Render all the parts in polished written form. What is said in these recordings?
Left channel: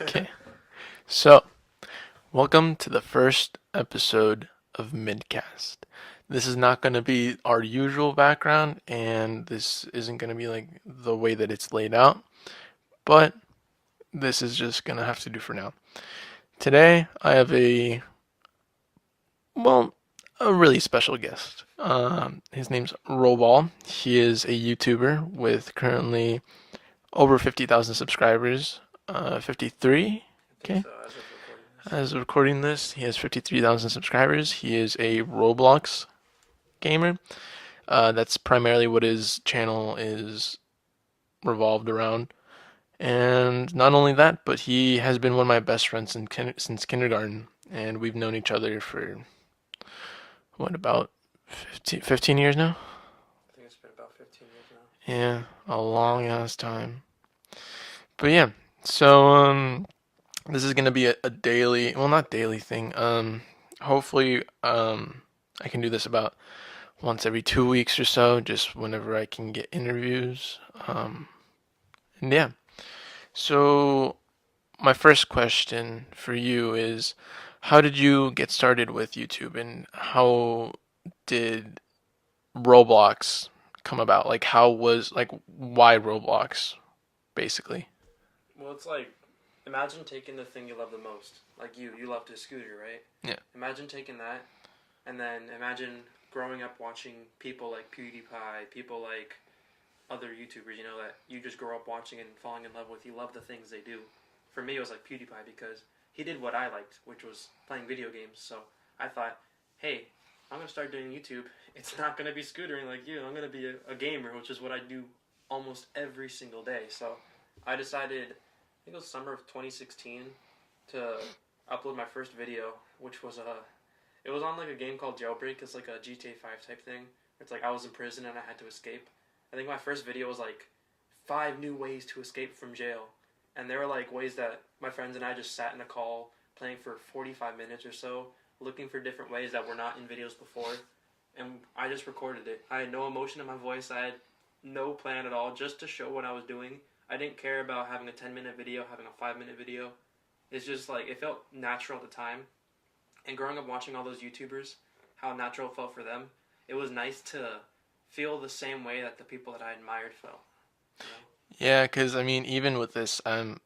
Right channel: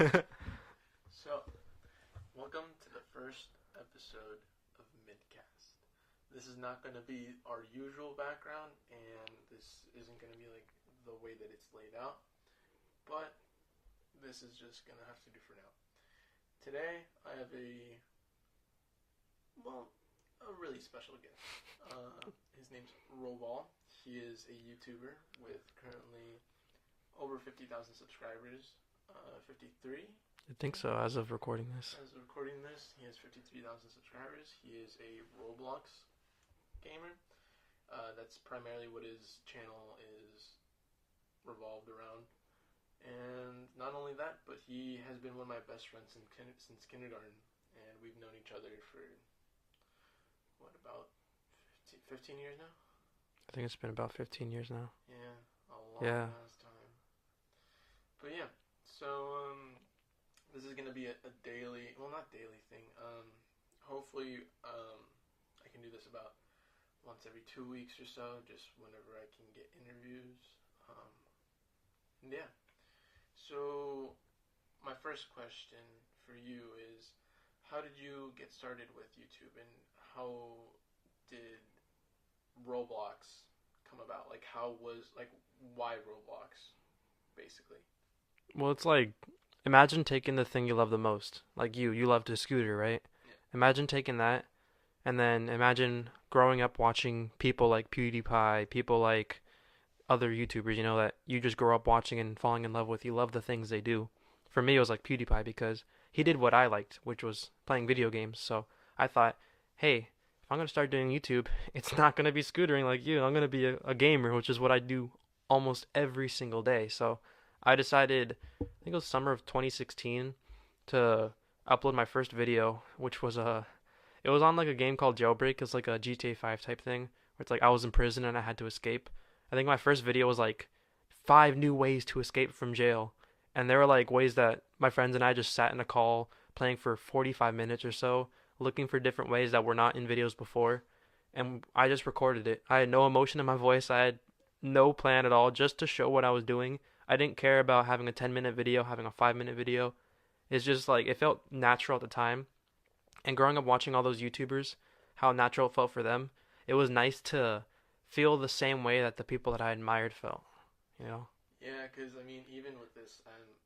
Okay, so welcome to the first episode of MidCast. This is not going to be our usual background, and this isn't going to be like the way that it's laid out, but this is just going to have to do for now. Today, I have well, a really special guest. His name's Roball. He is a YouTuber with currently over 50,000 subscribers, 53. I think Okay. so, as of recording this. As of recording this, he has 53,000 subscribers. He is a Roblox gamer. That's primarily what his channel is revolved around. And not only that, but he has been one of my best friends since kindergarten. And we've known each other for, what, about 15 years now? I think it's been about 15 years now. Yeah, a long Yeah. ass time. But yeah, so this is gonna be a daily, well, not daily thing. Hopefully, I can do this about once every 2 weeks or so, just whenever I can get interviews. And yeah, so my first question for you is, how did you get started with YouTube, and how did Roblox come about? Like, why Roblox, basically? Well, it's like, imagine taking the thing you love the most. Like you love to scooter, right? Yeah. Imagine taking that, and then imagine growing up watching people like PewDiePie, people like other YouTubers, that you just grow up watching and falling in love with. You love the things they do. For me, it was like PewDiePie because he did what I liked, which was playing video games. So I thought, hey, I'm gonna start doing YouTube. It's not gonna be scootering like you. I'm gonna be a gamer, which is what I do almost every single day. So I decided, I think it was summer of 2016, to upload my first video, which was it was on like a game called Jailbreak. It's like a GTA 5 type thing. Where it's like I was in prison and I had to escape. I think my first video was like 5 new ways to escape from jail, and there were like ways that my friends and I just sat in a call playing for 45 minutes or so, looking for different ways that were not in videos before, and I just recorded it. I had no emotion in my voice. I had no plan at all, just to show what I was doing. I didn't care about having a 10-minute video, having a 5-minute video. It's just like it felt natural at the time. And growing up watching all those YouTubers, how natural it felt for them, it was nice to feel the same way that the people that I admired felt. You know? Yeah, because I mean, even with this, I'm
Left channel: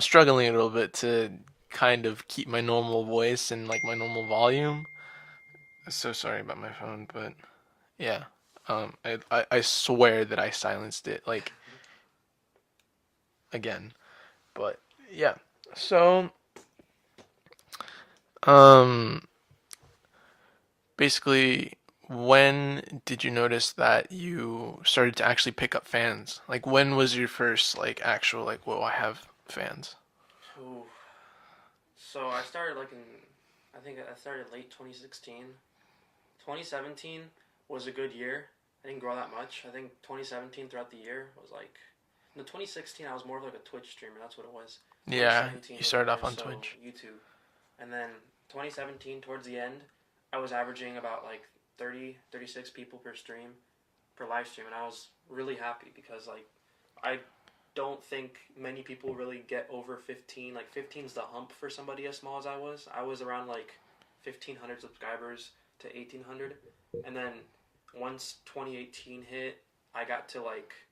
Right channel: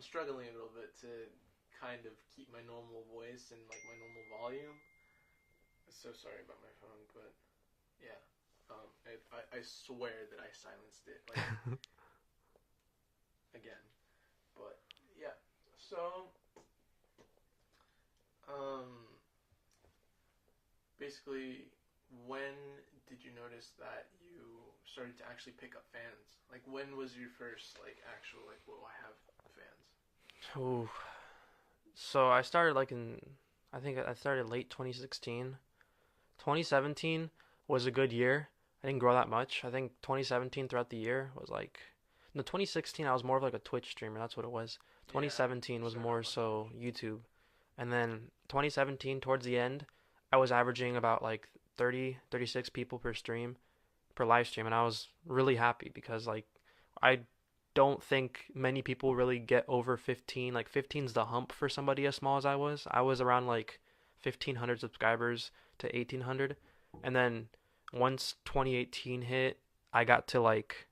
struggling a little bit to kind of keep my normal voice and like my normal volume. So sorry about my phone, but yeah, I swear that I silenced it like again. But yeah, so um, basically, when did you notice that you started to actually pick up fans? Like, when was your first like actual like, whoa, I have fans? Ooh. So I started I think I started late 2016. 2017 was a good year. I didn't grow that much. I think 2017 throughout the year was like, no, 2016 I was more of like a Twitch streamer. That's what it was. Yeah, you 2017 was started more off on so Twitch. YouTube. And then 2017 towards the end, I was averaging about like 30, 36 people per stream, per live stream, and I was really happy because like I don't think many people really get over 15. Like 15's the hump for somebody as small as I was. I was around like 1500 subscribers to 1800. And then once 2018 hit, I got to like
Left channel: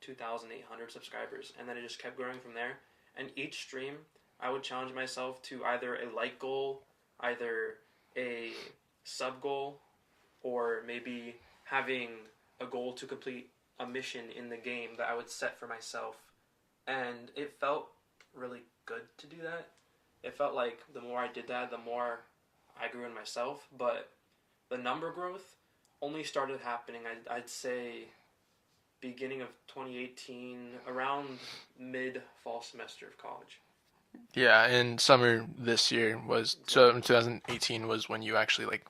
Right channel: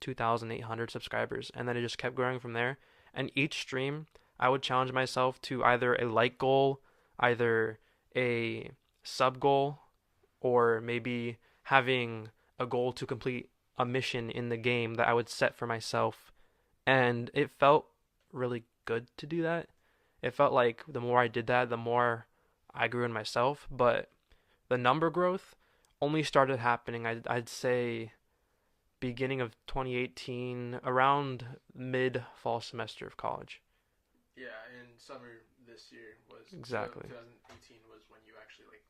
2800 subscribers, and then it just kept growing from there. And each stream I would challenge myself to either a like goal, either a sub goal, or maybe having a goal to complete a mission in the game that I would set for myself. And it felt really good to do that. It felt like the more I did that, the more I grew in myself. But the number growth only started happening, I'd say, beginning of 2018, around mid fall semester of college. Yeah, and summer this year was so Exactly. 2018 was when you actually like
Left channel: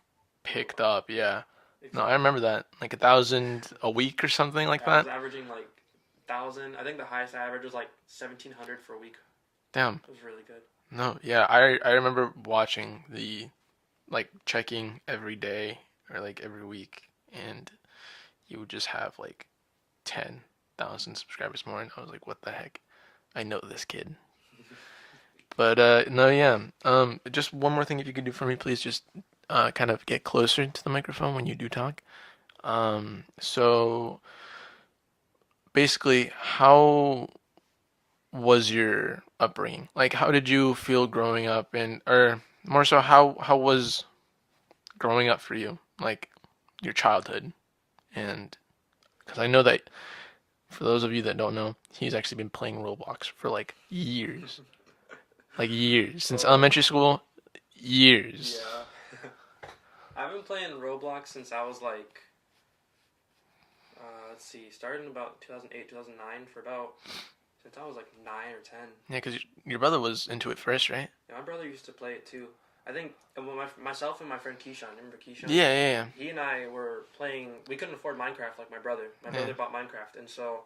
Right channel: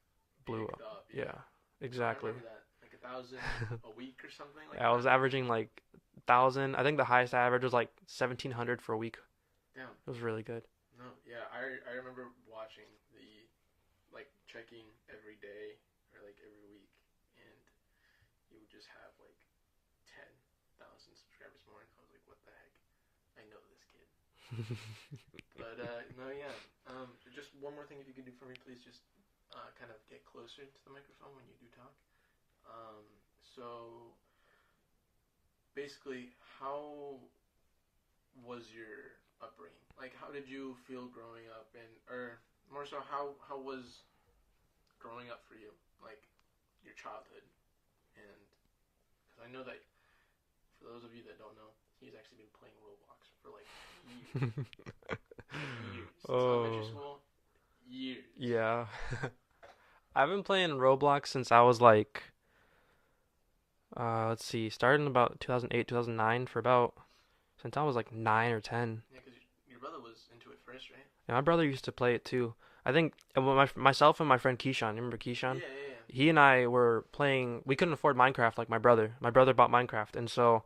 Blew picked up. up. Yeah, Yeah. No, I exactly. remember that. Like 1,000 a week or something like I was that. averaging like 1,000. I think the highest I averaged was like 1,700 for a week. Damn. It was really good. No, yeah, I remember watching the like checking every day or like every week, and you would just have like 10,000 subscribers more, and I was like, what the heck? I know this kid. But no, yeah. Just one more thing, if you could do for me, please. Just kind of get closer to the microphone when you do talk. So basically, how was your upbringing? Like, how did you feel growing up, and or more so, how was growing up for you? Like your childhood, and because I know that for those of you that don't know, he's actually been playing Roblox for like years since elementary Oh, school, years. yeah. I've been playing Roblox since I was like, let's see, starting about 2008, 2009 for about, since I was like 9 or 10. Yeah, because your brother was into it first, right? Yeah, my brother used to play it too. I think myself and my friend Keyshawn, remember Keyshawn? Yeah, yeah, He and I were playing. We couldn't afford Minecraft like my brother. My yeah. brother bought Minecraft, and so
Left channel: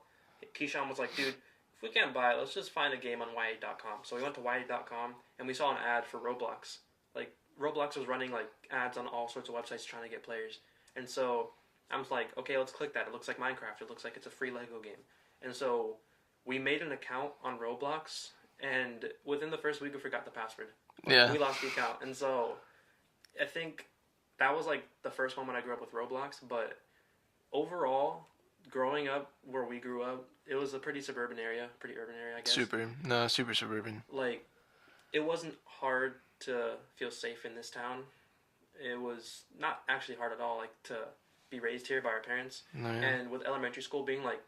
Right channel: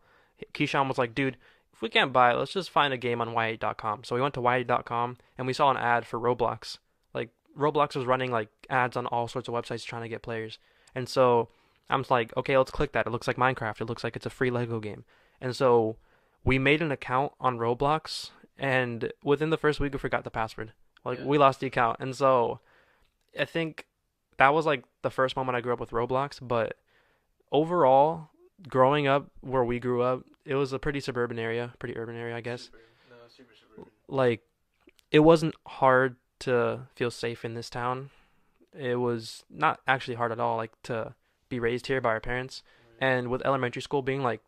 Keyshawn was like, "Dude, if we can't buy it, let's just find a game on y8.com." So we went to y8.com and we saw an ad for Roblox. Like Roblox was running like ads on all sorts of websites trying to get players, and so I'm like, "Okay, let's click that. It looks like Minecraft. It looks like it's a free Lego game." And so we made an account on Roblox, and within the first week, we forgot the password. Like Yeah. we lost the account, and so I think that was like the first moment I grew up with Roblox. But overall, growing up where we grew up, it was a pretty suburban area, pretty urban area, I guess. Super. No, super suburban. Like it wasn't hard to feel safe in this town. It was not actually hard at all, like to be raised here by our parents. No, yeah. And with elementary school being like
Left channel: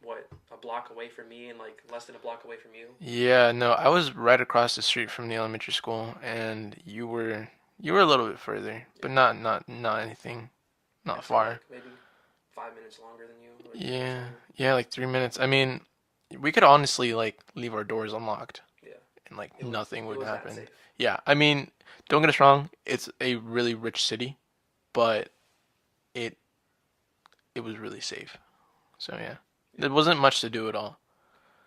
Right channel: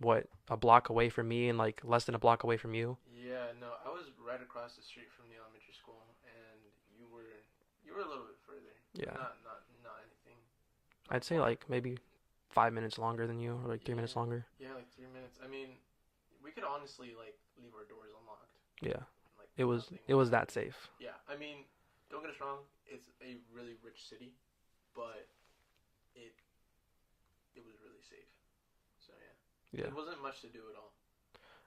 what a block away from me and like less than a block away from you. Yeah, no, I was right across the street from the elementary school, and you were a little bit further, but Yeah, not anything, not I'd say far. like maybe 5 minutes longer than you, or like 3 minutes Yeah, longer. yeah, like 3 minutes. I mean, we could honestly like leave our doors unlocked, Yeah, and like it was nothing it would was that happen. safe. Yeah, I mean, don't get us wrong, it's a really rich city, but it it was really safe. So yeah, Yeah. there wasn't much to do at all.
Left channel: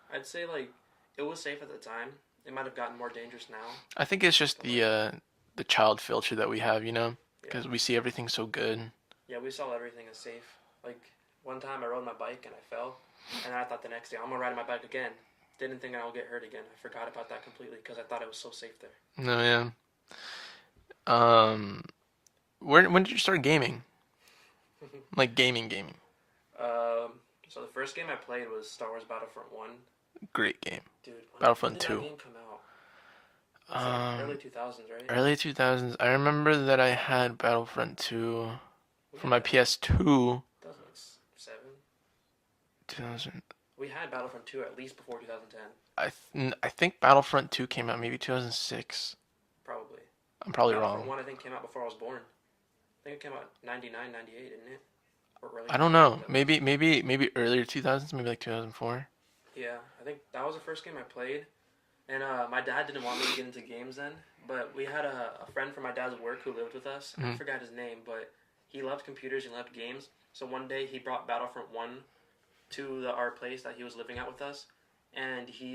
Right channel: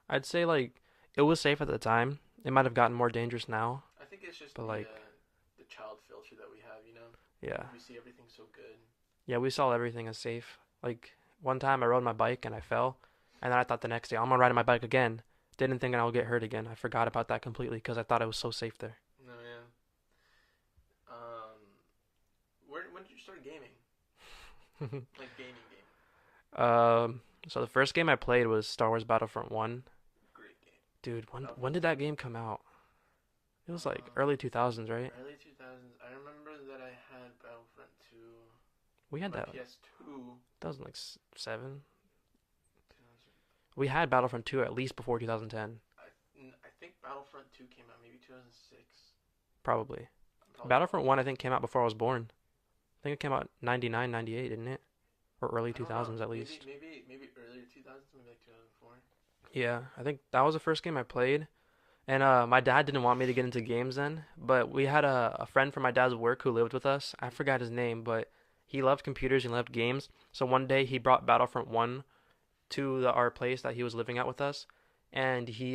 I'd say like it was safe at the time. It might have gotten more dangerous now, I think it's just but like the child filter that we have, yeah, because we see everything so good. yeah, we saw everything as safe. Like one time I rode my bike and I fell, and then I thought the next day I'm gonna ride my bike again. Didn't think I would get hurt again. I forgot about that completely because I thought it was so safe there. No, yeah. Um, when did you start gaming? Like gaming. So the first game I played was Star Wars Battlefront One. Great game. Dude, when Battlefront did that 2. game come out? It was like early Um, 2000s, right? early 2000s. I remember that I had Battlefront 2 We for had my that. PS2. That was like seven. 2000. We had Battlefront 2 at least before 2010, I think Battlefront 2 came out maybe 2006. probably. I'm probably Battlefront wrong. 1 I think came out before I was born. I think it came out 99, 98, didn't it? Or early I don't know. 2000s at least. Maybe earlier 2000s, maybe like 2004. Yeah, I think that was the first game I played. And my dad didn't want me to get into games then, but we had a friend from my dad's work who lived with us. I Hmm. forgot his name, but he loved computers and loved games. So one day he brought Battlefront 1 to our place that he was living at with us, and he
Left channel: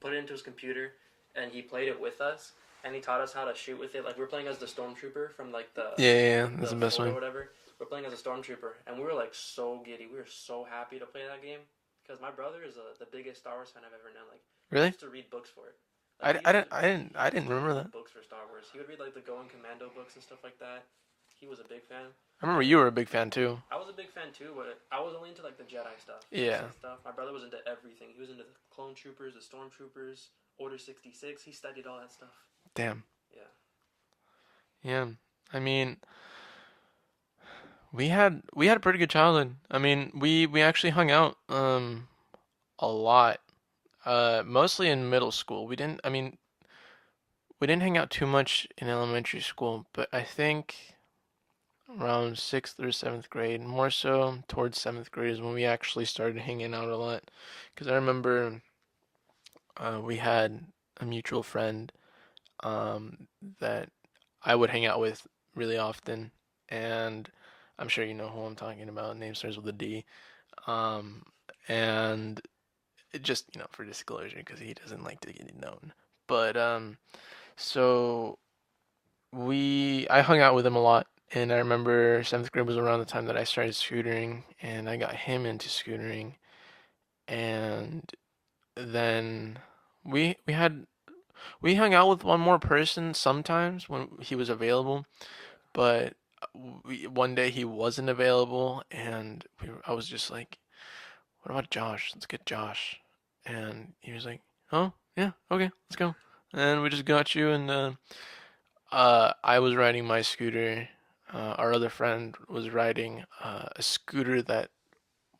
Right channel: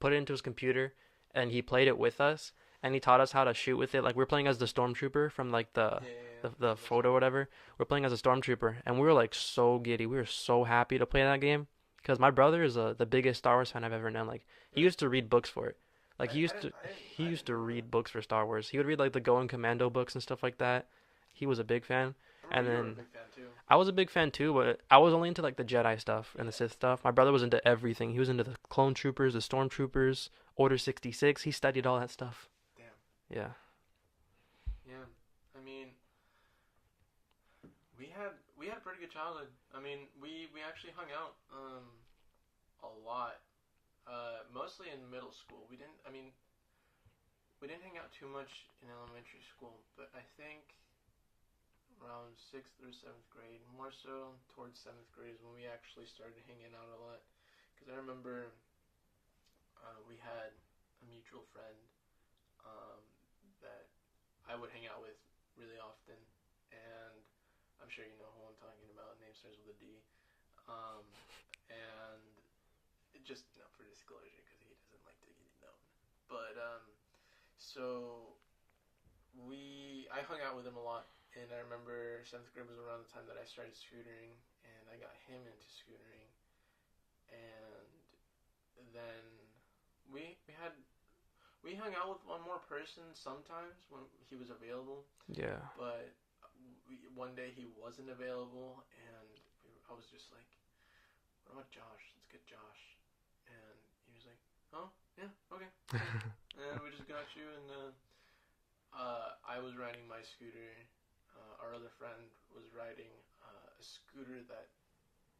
put it into his computer and he played it with us, and he taught us how to shoot with it. Like we're playing as the stormtrooper from like Yeah, that's the the best photo or one. whatever. We're playing as a stormtrooper, and we were like so giddy. We were so happy to play that game because my brother is the biggest Star Wars fan I've ever known. Like he Really? used to read books for it. Like I, I didn't I didn't he I used didn't to remember read that. books for Star Wars. He would read like the Going Commando books and stuff like that. He was a big fan. I remember And you were a then big fan too. I was a big fan too, but I was only into like the Jedi stuff and the Yeah. Sith stuff. My brother was into everything. He was into the clone troopers, the stormtroopers, Order 66. He studied all that stuff. Damn. Yeah. Yeah. I mean, we had a pretty good childhood. I mean, we actually hung out a lot. Mostly in middle school. We didn't hang out too much in elementary school, but I think around 6th or 7th grade, more so towards 7th grade is when we actually started hanging out a lot. Because I remember we had a mutual friend um, that I would hang out with really often, and I'm sure you know who I'm talking about. Name starts with a D. Um, and it just, for disclosure, because he doesn't like to get known. But so I hung out with him a lot, and I remember 7th grade was around the time that I started scootering, and I got him into scootering, and then We had we hung out with one more person sometimes when he was available, Yeah. but one day he wasn't available, and I was just like, "What about Josh? Let's get Josh." And he was like, "Oh, yeah, okay, let's go." And we just got you, and I was riding my scooter. Our other friend was riding a scooter that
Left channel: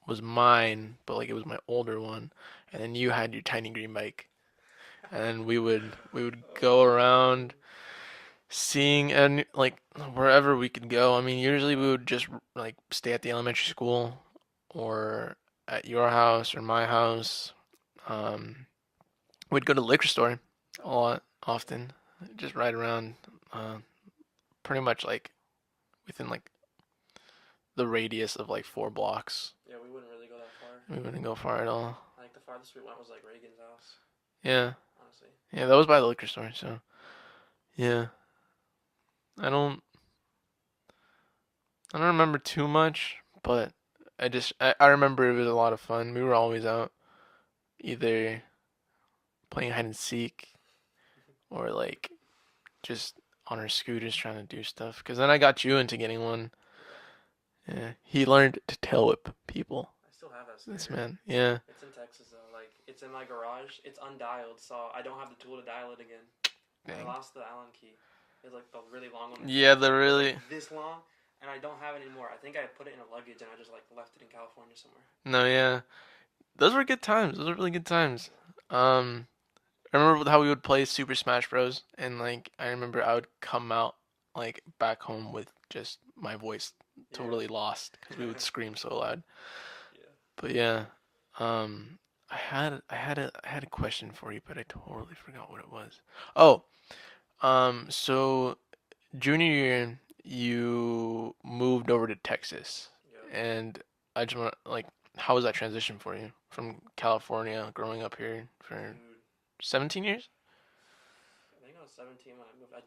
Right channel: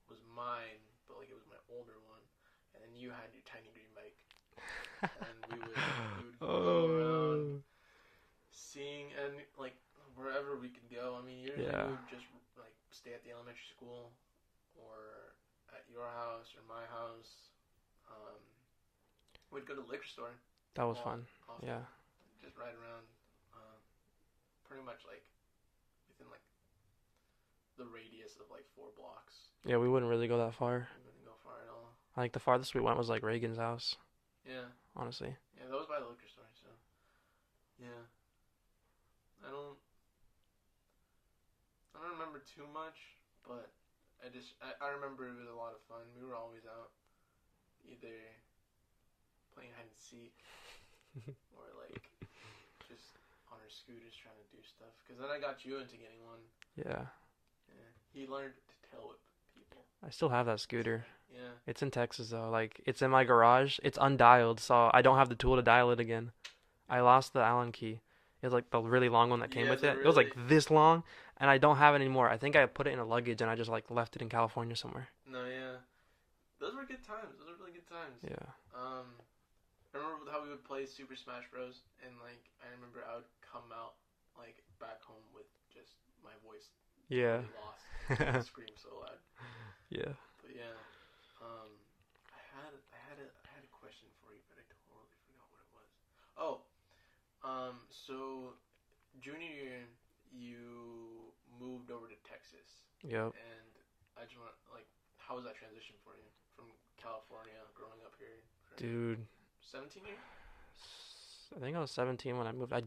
was mine, but like it was my older one, and then you had your tiny green bike, and we would go around Oh. seeing and like wherever we could go. I mean, usually we Yeah. would just like stay at the elementary school or at your house or my house. Um, we'd go to the liquor store That a was lot fun. Yeah. often, just ride around, pretty much like within like the radius of like 4 blocks. Yeah, we wouldn't really go that far. We wouldn't go far at all. Like the farthest we went was like Reagan's house, Yeah, honestly. yeah, that was by the liquor store. So yeah, I don't, I don't remember too much, but I remember it was a lot of fun. We were always out, either playing hide and seek or like just on our scooters trying to do stuff. Cause then I got you into getting one. Yeah. Yeah, he learned to tail whip people. I still have that This scooter. man. Yeah. It's in Texas though. Like it's in my garage. It's undialed, so I don't have the tool to dial it again. I Dang. lost the Allen key. It's like the really long one that came Yeah, with the it. It was like really this long, and I don't have it anymore. I think I put it in a luggage and I just like left it in California somewhere. no, yeah. Those were good times. Those were really good times. Yeah. Um, I remember how we would play Super Smash Bros. And like I remember I would come out like back home with just my voice Yeah. totally lost. We would scream so loud. Yeah. But yeah, um, I had a question for you, but I totally forgot what it was. Oh, so junior year you moved over to Texas, Yep. and I just want like, how was that transition for you from California, growing up here for Dude, 17 years? I think I was 17 when I moved. I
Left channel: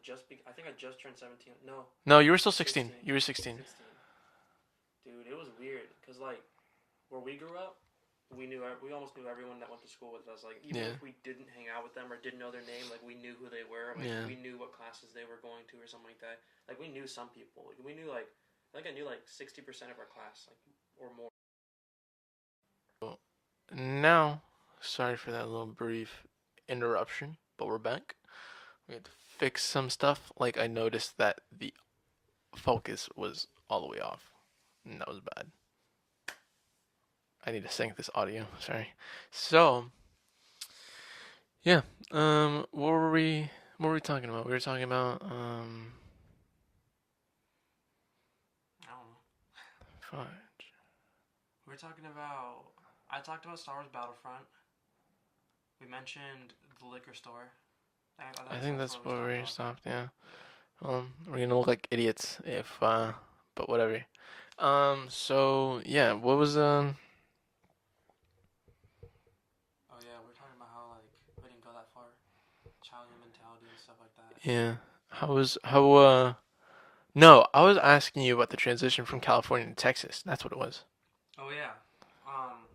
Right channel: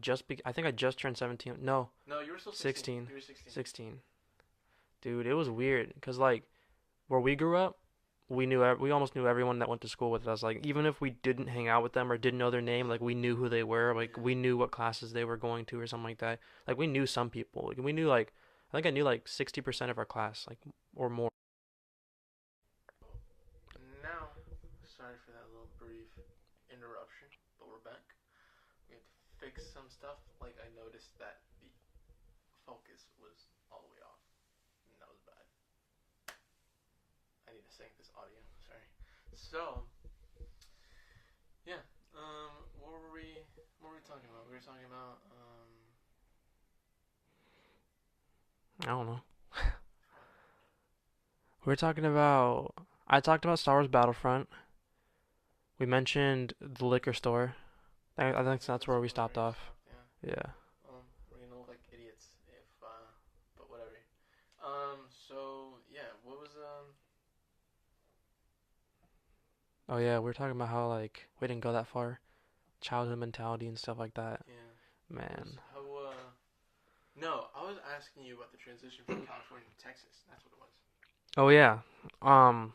think I just turned 17. No, No, you were still 16. 16. You were 16. 16. Dude, it was weird cuz like where we grew up, we almost knew everyone that went to school with us. Like even Yeah, if we didn't hang out with them or didn't know their name, like we knew who they were. Like yeah. we knew what classes they were going to or something like that. Like we knew some people. Like we knew like I think I knew like 60% of our class, like or more. Now, sorry for that little brief interruption, but we're back. We had to fix some stuff. Like I noticed that the focus was all the way off, and that was bad. I need to sync this audio. Sorry. So, yeah. What were we? What were we talking about? We were talking about I don't know. Fine. We were talking about I talked about Star Wars Battlefront. We mentioned the liquor store. I I think think that's that's where we where stopped we off. stopped. Yeah. Yeah. We're gonna look like idiots if but whatever. So yeah, what was Oh yeah, we were talking about how like we didn't go that far, childhood mentality and stuff like that. yeah, Man. how no, I was asking you about the transition from California to Texas. That's what it was. Oh yeah. Um,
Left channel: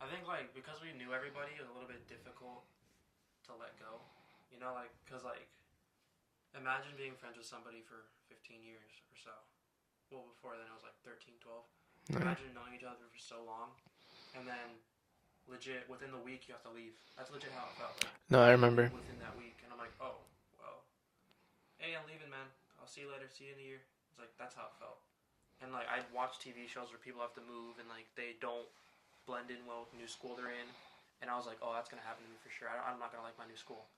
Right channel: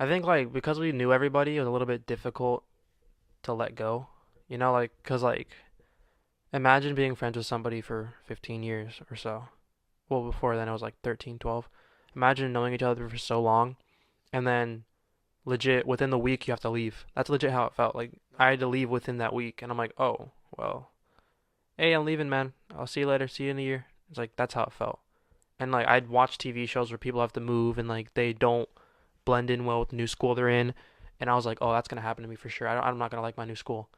I think like because we knew everybody, it was a little bit difficult to let go. You know, like cause like imagine being friends with somebody for 15 years or so. Well, before then it was like 13, 12. No, Imagine knowing each other for so long, and then legit within the week you have to leave. That's legit how it felt. Like no, I I had to leave remember. within that week, and I'm like, oh well, hey, I'm leaving, man. I'll see you later. See you in a year. It's like that's how it felt. And like I'd watch TV shows where people have to move and like they don't blend in well with the new school they're in, and I was like, oh, that's gonna happen to me for sure. I'm not gonna like my new school.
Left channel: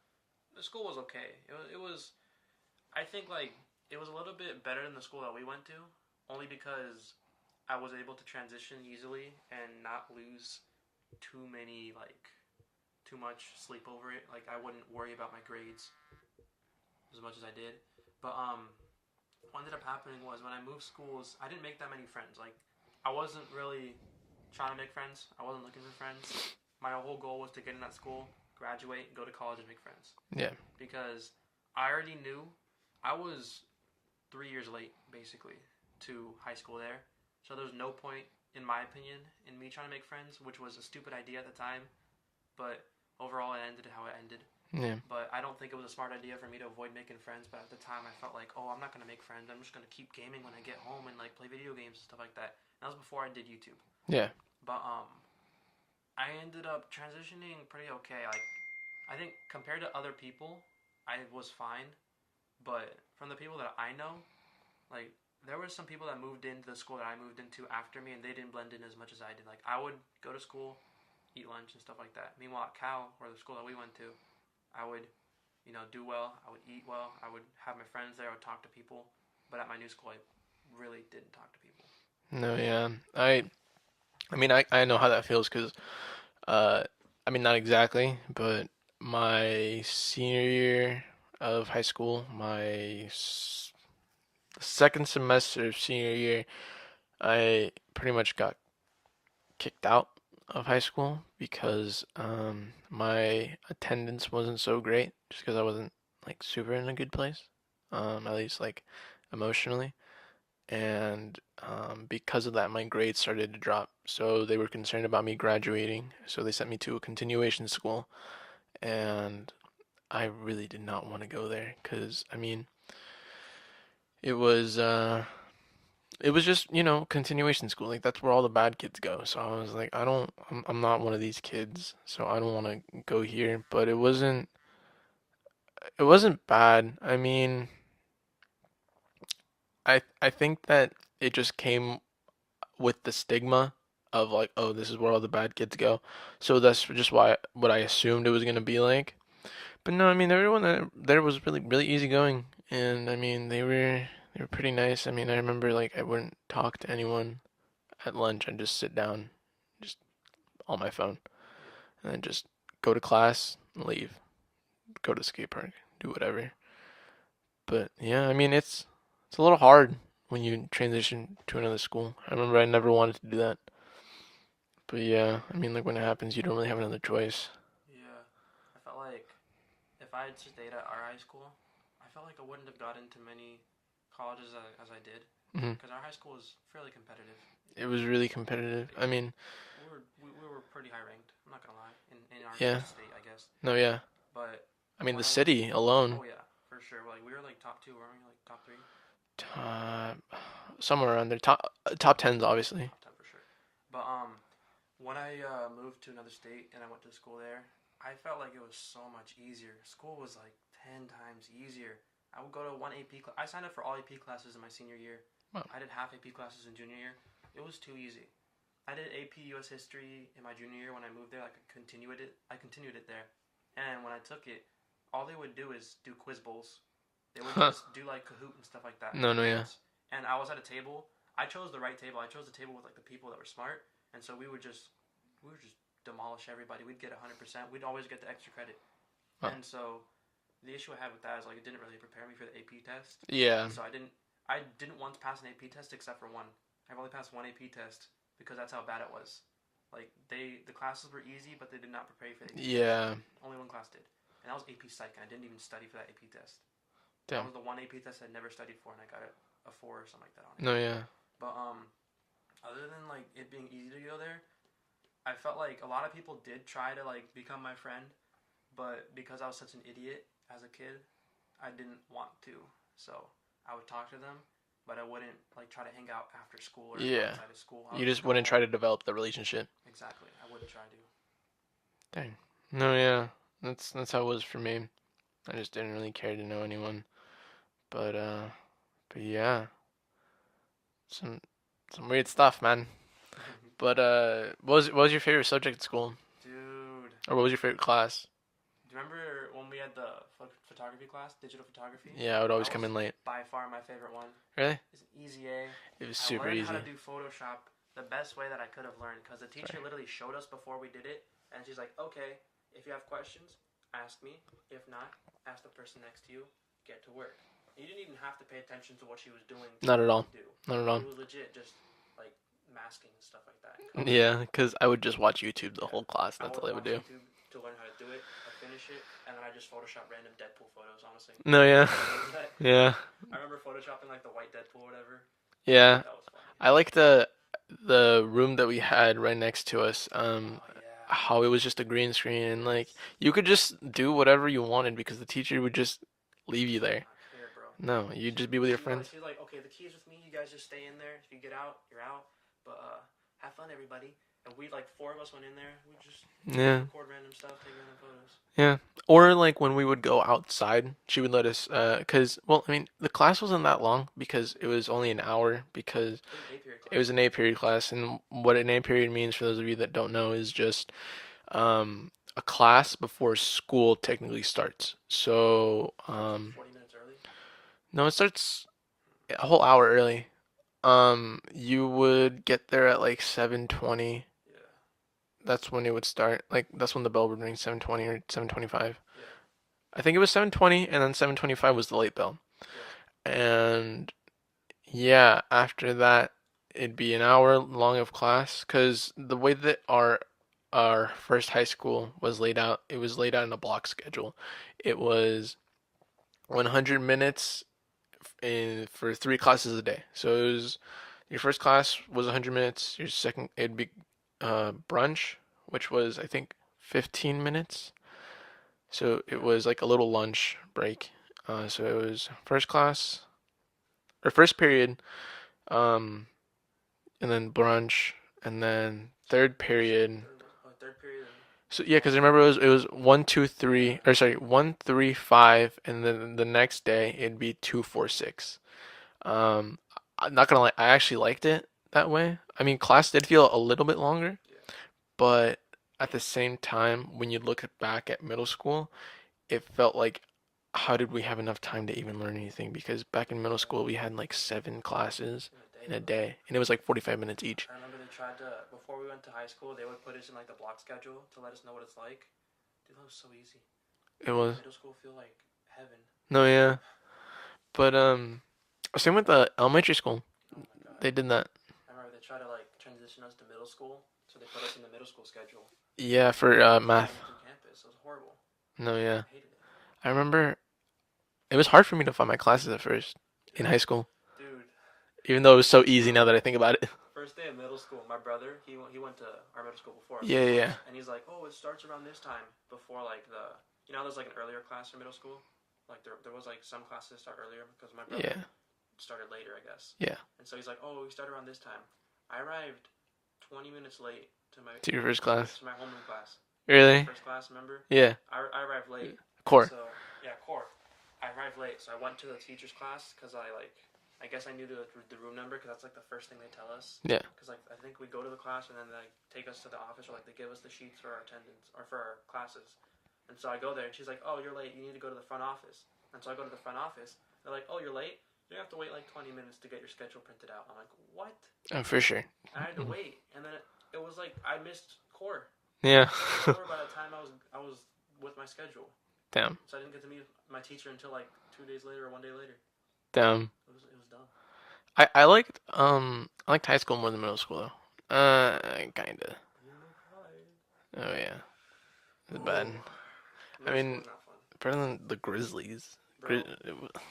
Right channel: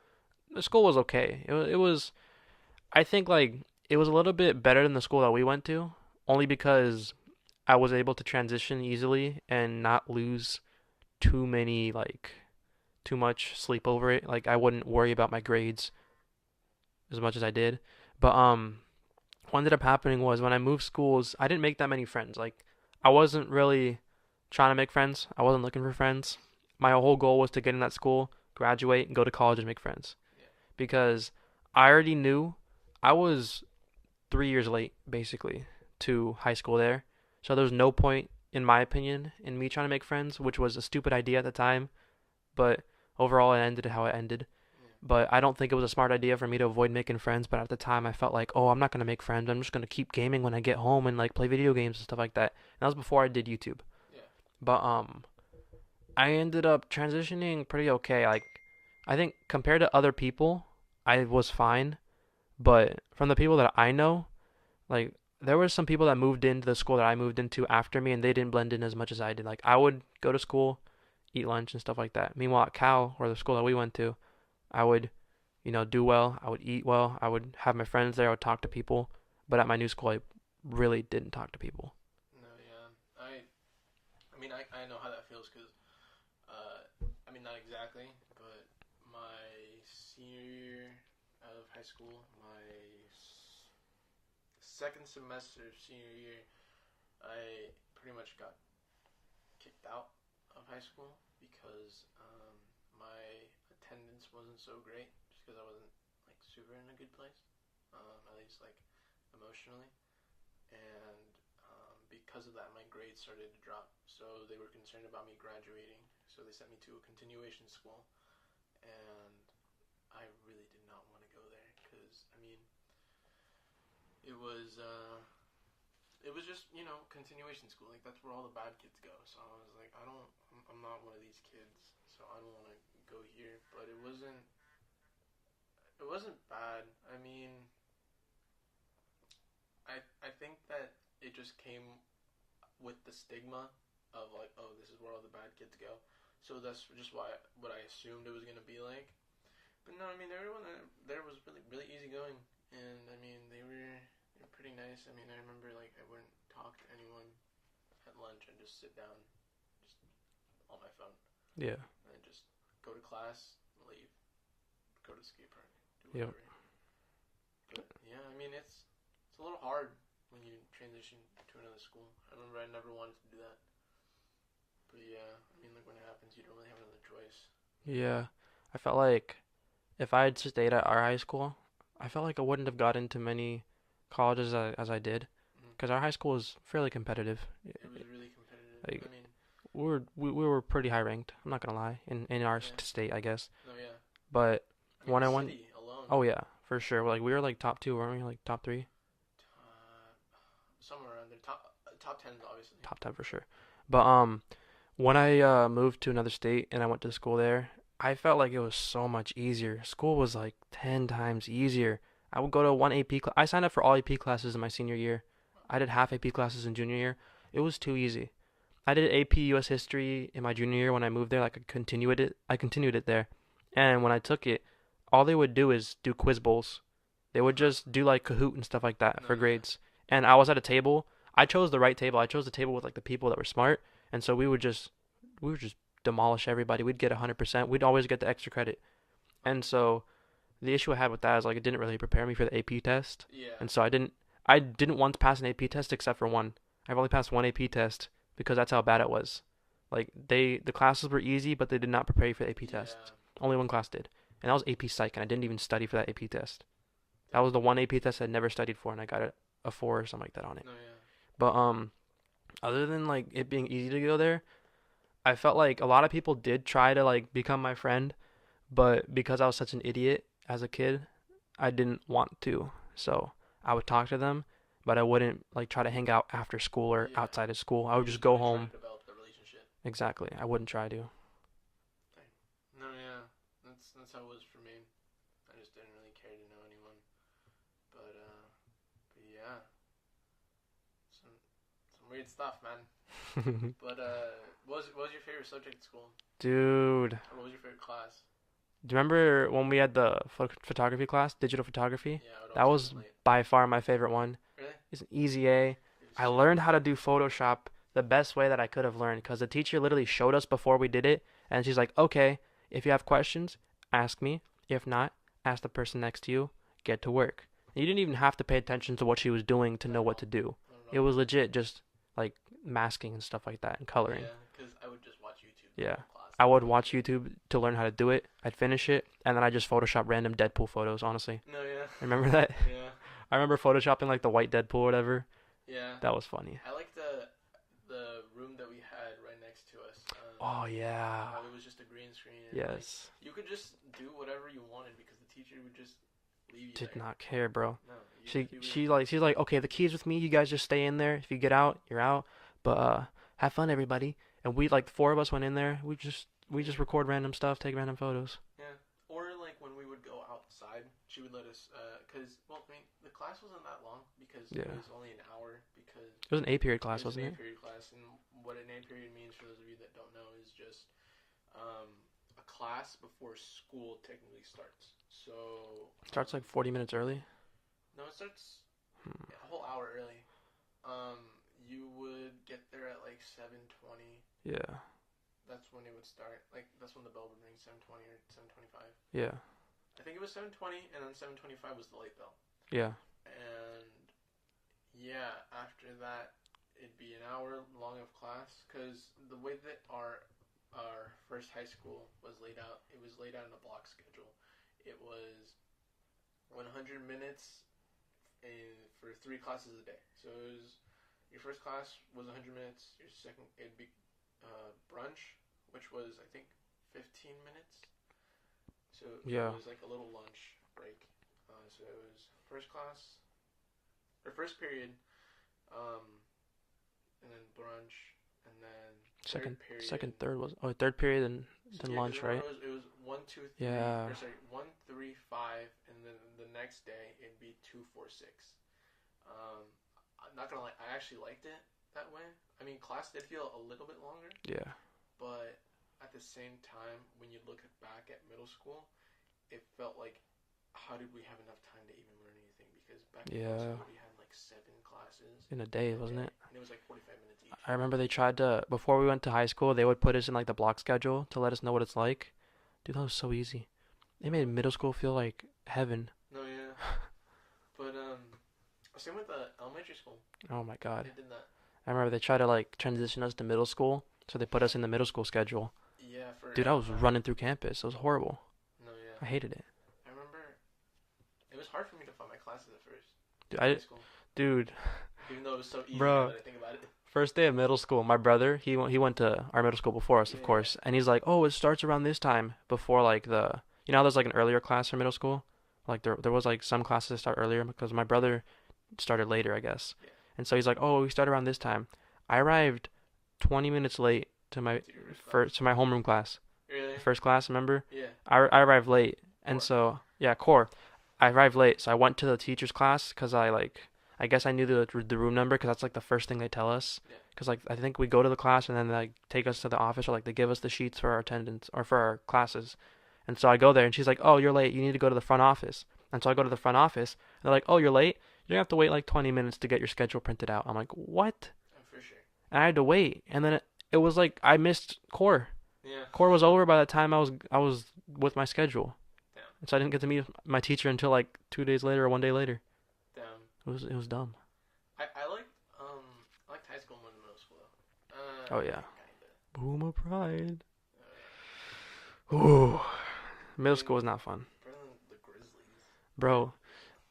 The school was okay. It was I think like it was a little bit better than the school that we went to, only because I was able to transition easily and not lose too many like too much sleep over it. Like I wouldn't worry about my grades as much as I did. But what ended up happening was when I moved schools, I didn't make that many friends. Like I wasn't really trying to make friends. I wasn't looking for friends. My whole goal was to get in that school, graduate, and go to college and make friends. Yeah, Because I already knew I was 3 years late basically to high school there. So there was no point in my opinion in me trying to make friends, which was a stupid idea at the time. But overall it ended how it ended. Yeah. But I don't think it was a smart idea for me to avoid making friends. But at the time, I felt like, oh, I'm not gonna make friends. I'm just gonna keep gaming when I get home and like play video games and stuff like that. And that was before I did YouTube. Yeah. But I ended up transitioning pretty okay. Like, I think compared to other people, I was fine. But from the people that I know, like there were some people that moved into the school that I moved into after me, and they didn't blend in as much as I did. Like I would go to school, eat lunch and stuff like that. Meanwhile, at Cal, or the school that we went to, I would, do well. I would eat well. I would have my friends there. I would talk to people. But at my new school, I really didn't talk to people. No, yeah. I mean, I know how that feels because, uh, I mean, not exactly, but my senior year of high school, second semester of senior year, I pretty much got kicked out of high school because my attendance wasn't so great just because I wasn't like super in a good place, at least like emotionally. And because of that, my grades started to drop. So they were concerned about me graduating. So they sent me to a continuation school. And I really did not want to go there because, I mean, it was uh, it was just, continuation school. Like that's where all the bad kids go. So I was like, I'm not one of these kids. So I don't want to go here. But it wasn't bad. I mean, I think that it just came with the stigma of like, oh, this is where all the bad kids go. So that's just why what I assumed it was gonna be like. But no, I mean everyone there was really really easygoing, and I mean they were pretty nice. I mean I remember like I wouldn't talk to anyone at lunch. I'd just sit down, just on my phone, Yeah, and then just go to class, leave, go to the skate park, do yeah, whatever. But yeah, I mean it's a little hard when you transition to another school. I remember I never wanted to do that. But yeah, I mean, like when it happens, you don't really have another choice. yeah. I felt like if I had stayed at our high school, I felt like I wouldn't have got into many colleges as I did, Hmm. because our high school was fairly competitive. It was really competitive. Like I mean, we were pretty high ranked. I'm not gonna lie, in our yeah, state, I guess. no, yeah. But I mean, when the I went, city alone, oh yeah, for sure. Like we were like top two, weren't we? Like top three, uh, somewhere around there, top tens, obviously. top ten for sure. But when I moved to another state and I went to school there, I felt like it was so much easier. School was like 10 times easier. I would go to one AP class. I signed up for all AP classes in my senior year. Wow. I did half AP classes in junior year. It was too easy. I did AP US history in my junior year when I moved there. Like I continued it there. And when I took it, all they would do is do quiz bowls. They would Huh. just do like Kahoot and stuff like that No, for no, yeah. grades. And I was at a table. I chose the right table. I chose the table with like the people that were smart. And so we would just demolish everybody. We'd get 100%. We'd always get the extra credit. Wow. And so the issue I had with that is like it didn't really prepare me for the AP test. Yeah. And so I didn't once pass an AP test except for one. I've only passed one AP test because that's how bad it was. Like the classes were easy, but they did not prepare you for the AP test. Yeah. Only one class did. And that was AP Psych, and I didn't even study for that AP test. That Damn. was the one AP test I'd never studied for, and I got a 4 or something like that on it. No, yeah. But other than like it being easy to go there, I felt like a lot of people did try to like become my friend, but because I was such an idiot as a kid, I didn't want to. So I would talk to them, but I wouldn't like try to hang out after school or Yeah. outside of school. I You would just just go wouldn't try to home. develop the relationship. Exactly. I wouldn't try to. Dang. No, yeah. That's how it was for me. I just didn't really care to know anyone. But but yeah, some some weird stuff, man. But what was your favorite subject at school, Dude, or what was your favorite class? do you remember when we had the photography class, digital photography? Yeah, I would That always come was in late. by far my favorite one. Really? It's an easy A. It was I super learned how to easy. do Photoshop the best way that I could have learned because the teacher literally showed us before we did it, and she's like, "Okay, if you have questions, ask me. If not, ask the person next to you. Get to work." You didn't even have to pay attention to what she was doing to Not know at what to all. do. Not at It all. was legit just like masking and stuff like that and coloring. Yeah, because I would just watch YouTube the Yeah. whole class. I That's would all I would watch do. YouTube to learn how to do it. I'd finish it, and then I just Photoshop random Deadpool photos, honestly. No, yeah. Remember that? Yeah. I remember photoshopping like the white Deadpool or whatever. Yeah. That was funny. I like the the room that we had right next to us, Oh yeah. how it was just a green screen and like Yes. you could just do whatever you wanted because the teacher would just leave you Did there. not care, bro. No, you'd She just be with your she like friends. she's like, okay, the key's with me. You guys just stay in there. If you get out, you're out. But have fun, everybody. And we like four of us went in there. We just Yeah. record random stuff, take random photos. Yeah. Or like when we would go outside, she would let us cuz well, I mean, the class wasn't that long because it Yeah. was only an hour because It was an A period it class, was an wasn't A it? period class and what an A period means for those of you that don't know is just a class before school technically starts. So, Starts like 40 minutes early. no, it starts Hmm. a whole hour early. You would get there at like 7:20. Yeah. That's when it would start. Like that's when the bell would ring, 7:20 or 7:25. Yeah. I think it was 7:20 and then 7:25 was the late bell. Yeah. And yeah, after that it'd be an hour long of class cuz the way that our first high school was laid out, it was laid out in a block schedule. It was 100 minutes for three classes a day. So it was your first class was 100 minutes. Your second it'd be brunch, which was I think 15 minutes. So it Yeah. was like a little lunch break. So it was first class or first period, um, and then brunch, and then Second, third second, period. third was third period So and yeah, because lunch, remember right? it was 1, 2, 3, Yeah. or sorry 1, 3, 5, and then the next day it'd be 2, 4, 6. Um, I'm not gonna lie, I actually liked it that way. I mean, class did feel a little bit longer, Yeah. but at the same time, when you look back at middle school, it felt like, how did we have enough time to even learn anything? Because back in middle Yeah. school, we had like 7 classes In a in day, a wasn't it? day, and it was like 45 minutes each. I remember they tried to before we went to high school, they would put us in like the block schedule to let us know what it's like. Dude, that was so easy. It It made was middle school feel like heaven. no, yeah, but same with the elementary school. Oh my god. They did that. I remember they tried to like transition us to middle school, so they put us in the middle school schedule. Yeah, for Dude, I was math. running through campus. It was horrible. No, yeah, I hated it. I remember it was hard for me to find my classes at first Dude, in high school, dude, even though it was so easy now bro. that I think about it. First day of middle school, my brother, he went to our middle school before us, Yeah, of yeah, course, and he's like, "Oh, it starts around this time before like how there's like an earlier class for middle school, like there was like some classes that start earlier because my yeah, brother started later, I guess, yeah. and so he's like, "Oh, we start around this time." I arrived 20 minutes late to my To your first class. to my homeroom class, Really? first class. Remember? Yeah. I arrived late, and Core. so yeah, core. I arrived late, so I went to the teacher's class because I guess I knew the room number because that's like the first thing they tell us. Yeah. Because like I think we go to the class and then they like take us to the office or like they give us the sheets for our attendance or for our classes. And so I go there and she's like, "Oh, you're late. You need to go to the front office." And so I go to the front office. And they're like, "Oh, you're late. You're gonna have to wait like 20 minutes to get your schedule printed out." I'm like, "What?" Oh, for sure. And I had to wait. And then it was like I missed core. Yeah. Core was over by the time I was with my schedule. Damn. And so I didn't get to meet my teacher until like 2 days later or 1 day later. Damn. It was dumb. I liked high school more than middle school though. Oh yeah. Kinda. Boomer pride. Oh yeah. But Ooh. I Middle school mean, was not fun. better than the Grizzlies. Bro,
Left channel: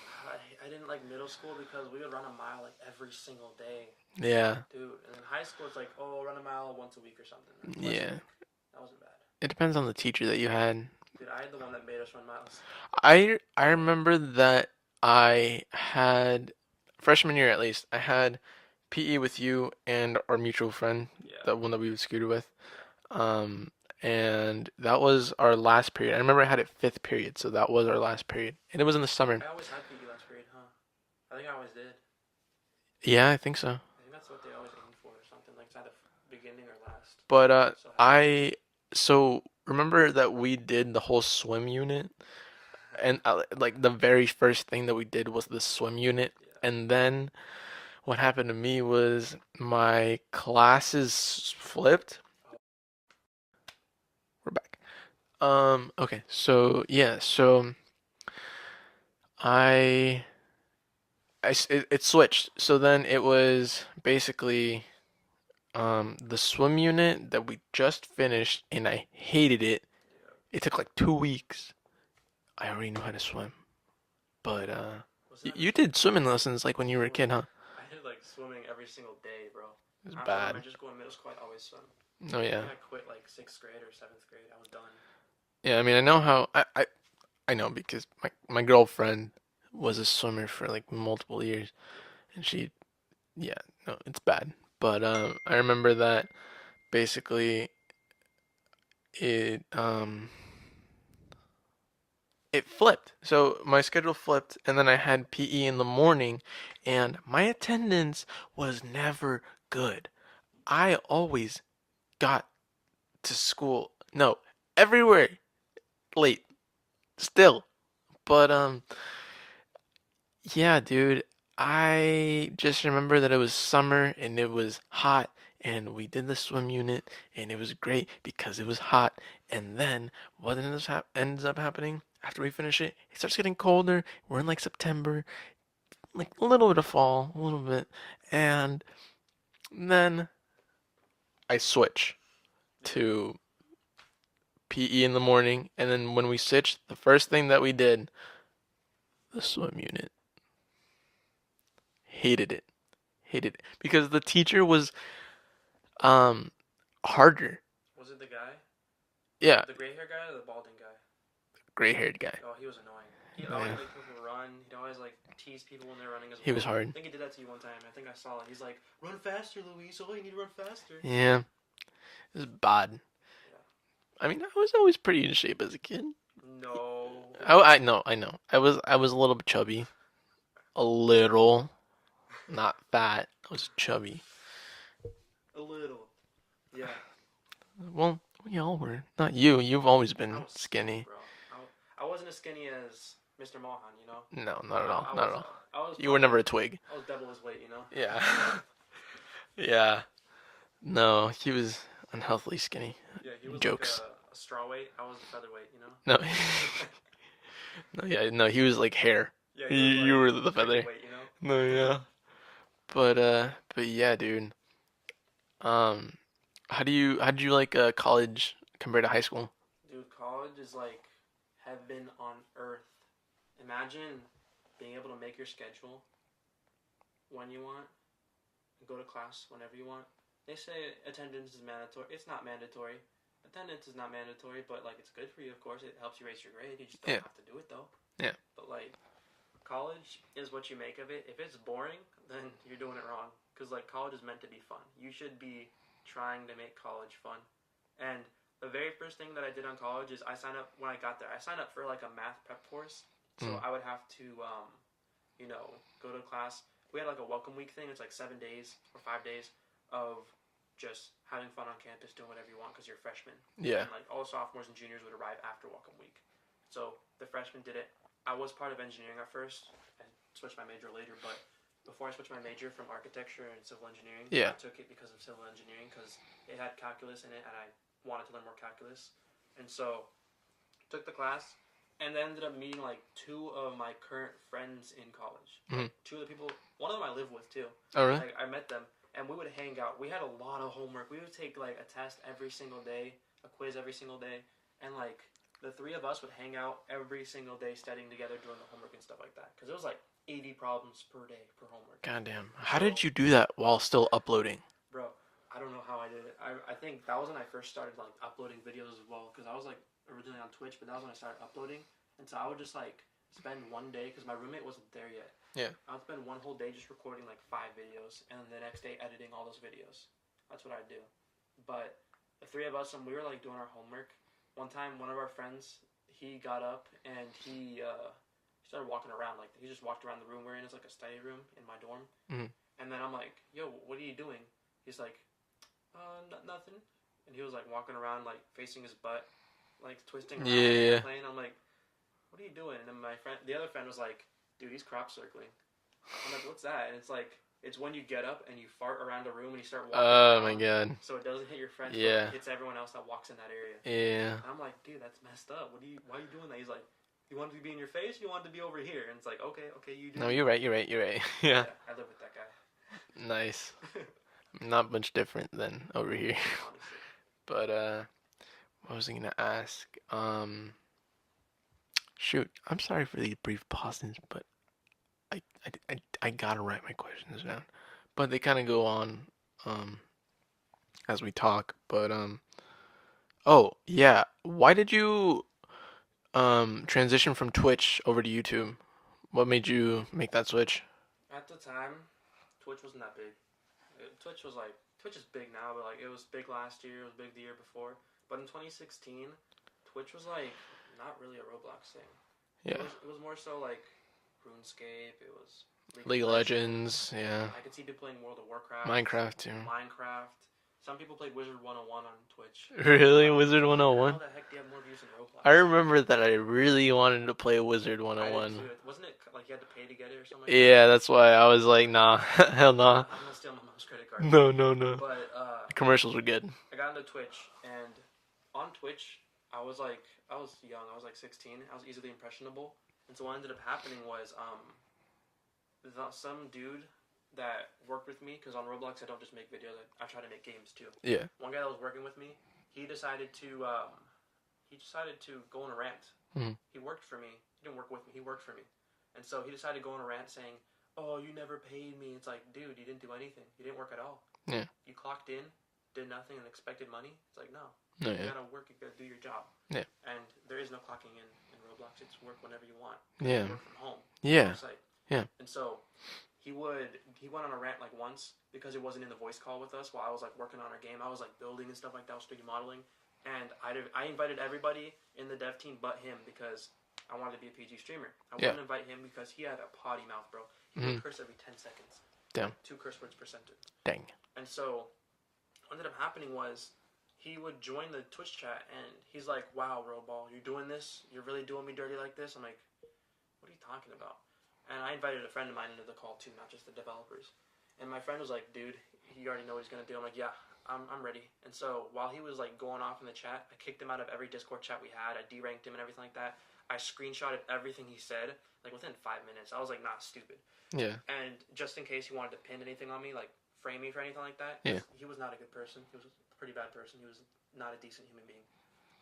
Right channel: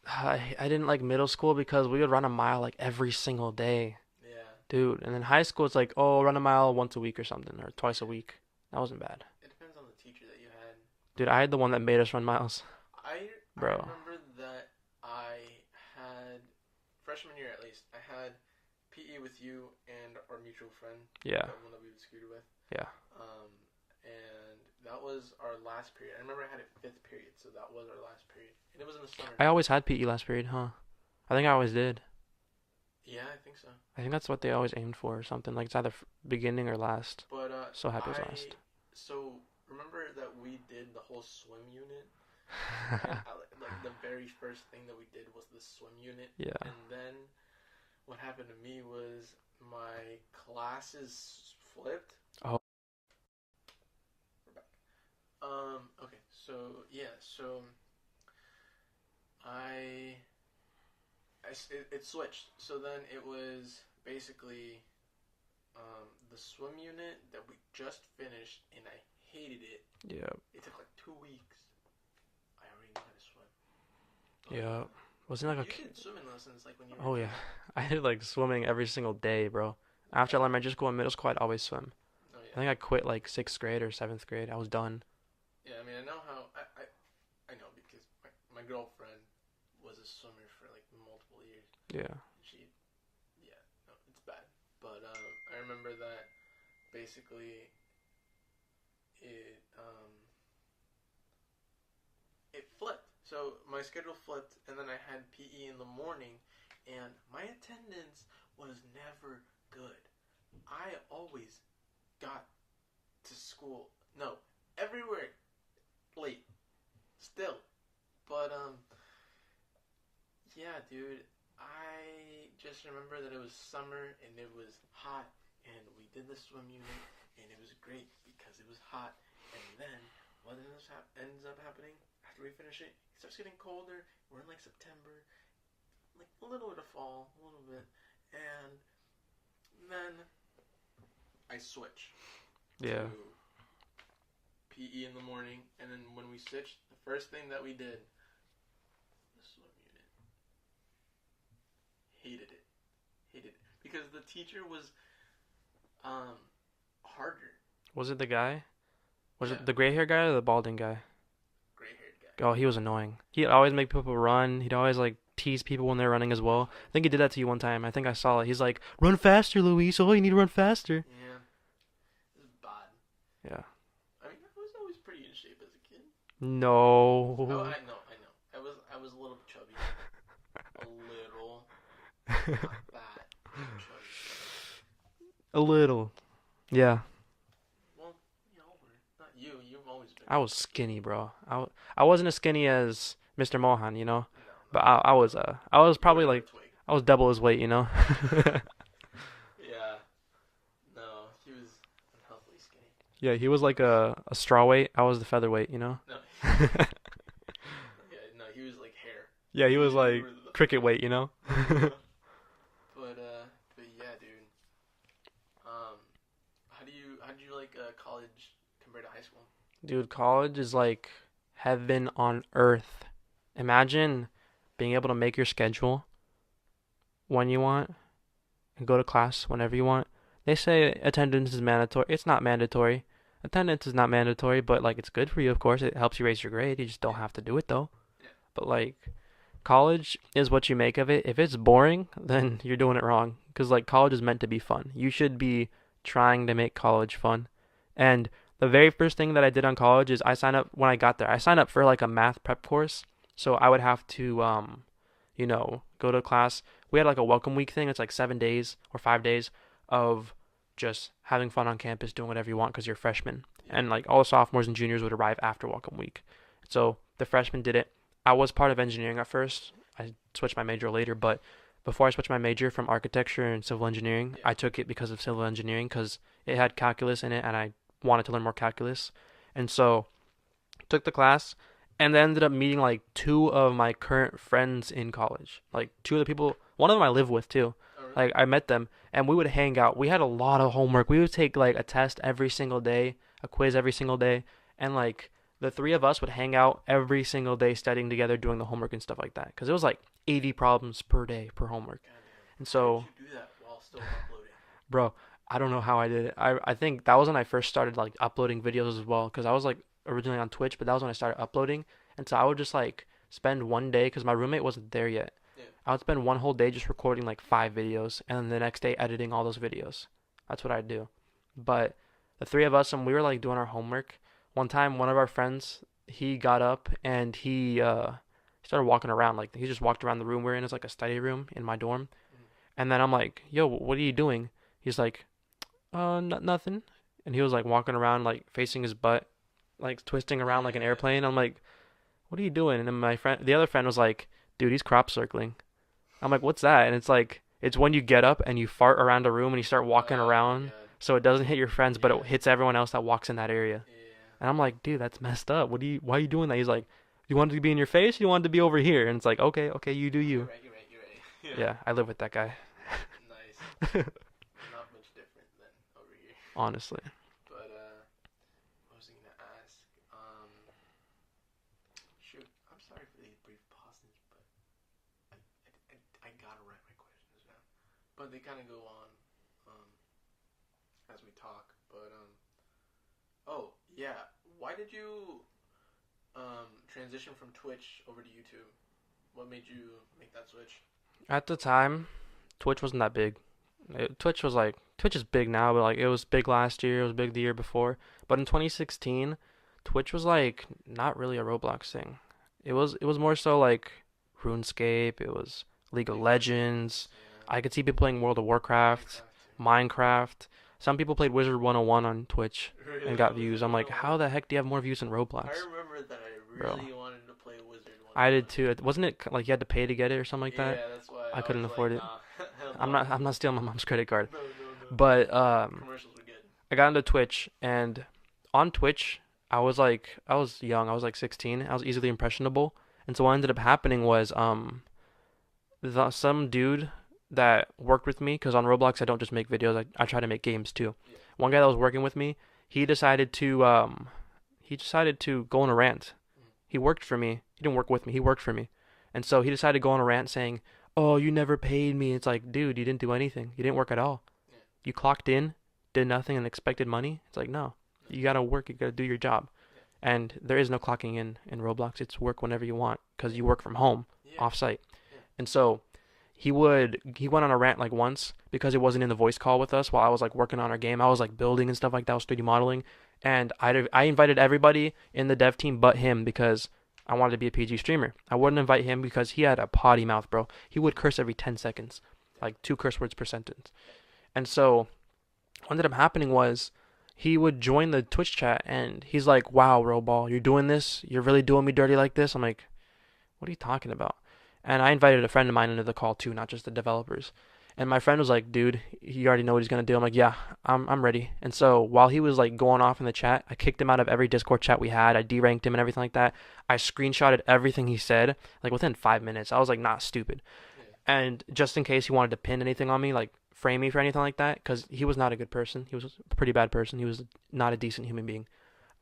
I didn't like middle school because we would run a mile like every single day, Yeah. dude. And then high school, it's like, oh, run a mile once a week or something, or twice a Yeah. week. That wasn't bad. It depends on the teacher that you had. Dude, I had the one that made us run miles. I Bro. remember that I had freshman year at least. I had PE with you and our mutual friend, Yeah. the one that we would scooter with. Yeah. And that was our last period. I remember I had it fifth period, so that was our last period, and it was in the summer. I always had PE last period, huh? I think I always did. Yeah, I think so. I think that's what they always aimed for or something. Like it's either beginning or last. But So have it I so remember that we did the whole swim unit, and fast. like the very first thing that we did was the swim unit, Yeah. and then what happened to me was my classes flipped. Oh, We're back. Okay, so yeah, so I it switched. So then it was basically the swim unit that we just finished, and I hated it. yeah. It took like 2 weeks. I already knew how to swim, but Yeah. Wasn't it like you did swimming lessons like when you were a oh kid, yeah. huh? I did like swimming every single day, bro. It was After bad. elementary school and middle school, I'd always swim. Oh I yeah. think I quit like sixth grade or seventh grade. I was done. Yeah, I mean, I know how I know because my girlfriend was a swimmer for like multiple years, Yeah. and yeah, no, it's bad. But I remember that basically it it flipped. So my schedule flipped, and then I had PE in the morning, and my attendance was never good. I always got to school, no, everywhere late still. But yeah, dude, I just remember that it was summer and it was hot, and we did the swim unit, and it was great because it was hot. And then what ends up happening after we finish it? It starts getting colder. We're in like September, like a little bit of fall, a little bit, and then I switch Yeah. to PE in the morning, and then when we switched, the first thing that we did, the swim unit. Hated it. Hated it because the teacher was um harder. Was it the guy? Was Yeah, it the gray hair guy or the balding guy? gray-haired guy. Oh, he was annoying. He'd always Yeah, make people run. He'd always like tease people when they're running as he was well. I hard. think he did that to you one time. I think I saw it. He's like, "Run faster, Luis. Oh, you need to run faster." Yeah, it was bad. Yeah. I mean, I was always pretty in shape as a kid. No. I know. I was a little bit chubby, a little, not fat. I was chubby. A little. Yeah. Well, we all were. Not you. You've always I been was skinny, skinny. bro. I wasn't as skinny as Mr. Mohan, you know, No, but not at all. I Not was at all. I was You were probably never a like twig. I was double his weight, you know. Yeah. Yeah. No, he was unhealthily skinny. Yeah, he was like Jokes. a straw weight. I was the featherweight, you know. No. No, yeah, no, he was like hair. Yeah, he was You like were the cricket feather. weight, you know. No, yeah. But yeah, dude. Um, how did you like college compared to high school? Dude, college is like heaven on earth. Imagine being able to make your schedule when you want and go to class whenever you want. They say attendance is mandatory. It's not mandatory. Attendance is not mandatory, but like it's good for you, of course. It helps you raise your grade. You just don't Yeah, have to do it though. yeah, But like college is what you make of it. If it's boring, then you're doing it wrong. Because like college is meant to be fun. You should be trying to make college fun. And the very first thing that I did on college is I signed up when I got there. I signed up for like a math prep course. So mm, I would have to go to class. We had like a welcome week thing. It's like 7 days or 5 days of just having fun on campus, doing whatever you want because you're a freshman. yeah, And like all the sophomores and juniors would arrive after welcome week. So the freshmen did it. I was part of engineering at first. I switched my major later, but before I switched my major from architecture and civil engineering, yeah. I took it because of civil engineering because it had calculus in it and I wanted to learn more calculus. And so took the class and then ended up meeting like two of my current friends in college. Mm. Like two of the people, one of them I live with too. Oh, really? Like I met them and we would hang out. We had a lot of homework. We would take like a test every single day, a quiz every single day, and like the three of us would hang out every single day studying together, doing the homework and stuff like that. Because it was like 80 problems per day per homework. Goddamn. And How did so, you do that while still uploading? bro, I don't know how I did it. I think that was when I first started like uploading videos as well. Because I was like originally on Twitch, but that was when I started uploading. And so I would just like spend one day because my roommate wasn't there yet. Yeah. I would spend one whole day just recording like 5 videos and then the next day editing all those videos. That's what I'd do. But the three of us, and we were like doing our homework. One time, one of our friends, he got up and he started walking around. Like he just walked around the room we're in. It's like a study room in my dorm. Mm. And then I'm like, "Yo, what are you doing?" He's like, nothing." And he was like walking around, like facing his butt, like twisting around like an Yeah. airplane. I'm like, "What are you doing?" And then the other friend was like, "Dude, he's crop circling." I'm like, "What's that?" And it's like, it's when you get up and you fart around a room and you start walking Oh my around, god. so it doesn't hit your friends, but it Yeah. hits everyone else that walks in that area. Yeah. And I'm like, "Dude, that's messed up. Why are you doing that?" He's like, "You want it to be in your face? You want it to be over here?" And it's like, "Okay, okay, you do No, you're you." right. You're right. You're right. Yeah. Yeah, I live with that guy, Nice. Not much different than over here. honestly. But what was I gonna ask? Shoot. I'm sorry for these brief pauses, but I gotta write my questions down. But they kind of go on um as we talk. But oh yeah, why did you transition from Twitch over to YouTube? What made you make that switch? At the time, Twitch wasn't that big. Twitch was like Twitch is big now, but like it was big last year, it was big the year before. But in 2016, Twitch was like not really a Roblox thing. Yeah, It was more so like RuneScape, it was League of League of Legends. Legends. Yeah, I could see people playing World of Warcraft, Minecraft too. Minecraft. Some people played Wizard 101 on Twitch and Really, got views. Wizard I'm like, how 101? the heck do you have more views than I Roblox? remember that I Bro, really wanted to play Wizard I did 101. too. Wasn't it like you had to pay to get it or something like that? Yeah, that's why I I couldn't was like, afford it. nah, hell nah. I'm not stealing my mom's credit card. No, no, no. But Commercials were good. I got into Twitch, and on Twitch, I was young. I was like 16. I was easily impressionable, and so what ended up happening was some dude that worked with me, because on Roblox I don't just make videos. I try to make games too. Yeah. One guy that was working with me, he decided to go on a rant. Mhm. He worked for me. He didn't work with me. He worked for me, and so he decided to go on a rant saying, "Oh, you never paid me." It's like, dude, you didn't do anything. You didn't work at all. Yeah. You clocked in, did nothing, and expected money. It's like, no. No, You yeah. gotta work. You gotta do your job. Yeah. And there is no clocking in Roblox. It's work whenever you want because Yeah. you work from home, Yeah. off site. Yeah. And so he went on a rant like once because he wasn't in the voice call with us while I was like working on our game. I was like building and stuff like that. I was 3D modeling, and I invited everybody in the dev team but him because I wanted to be a PG streamer. I Yeah. wouldn't invite him because he had a potty mouth, bro. He would Mhm. curse every 10 seconds, Damn. like 2 curse words per sentence. Dang. And so what ended up happening was he would join the Twitch chat and he's like, "Wow, Roball, you're doing this? You're really doing me dirty like this?" I'm like, "What are you talking about?" And I invited a friend of mine into the call too, not just the developers. And my friend was like, "Dude, you already know what he's gonna do." I'm like, "Yeah, I'm ready." And so while he was like going off in the chat, I kicked him out of every Discord chat we had. I deranked him and everything like that. I screenshotted everything he said like within 5 minutes. I was like, not stupid. Yeah. And just in case he wanted to pin anything on me, like frame me for anything like that, Yeah. because he was not a good person. He was a pretty bad person. He was not a decent human being.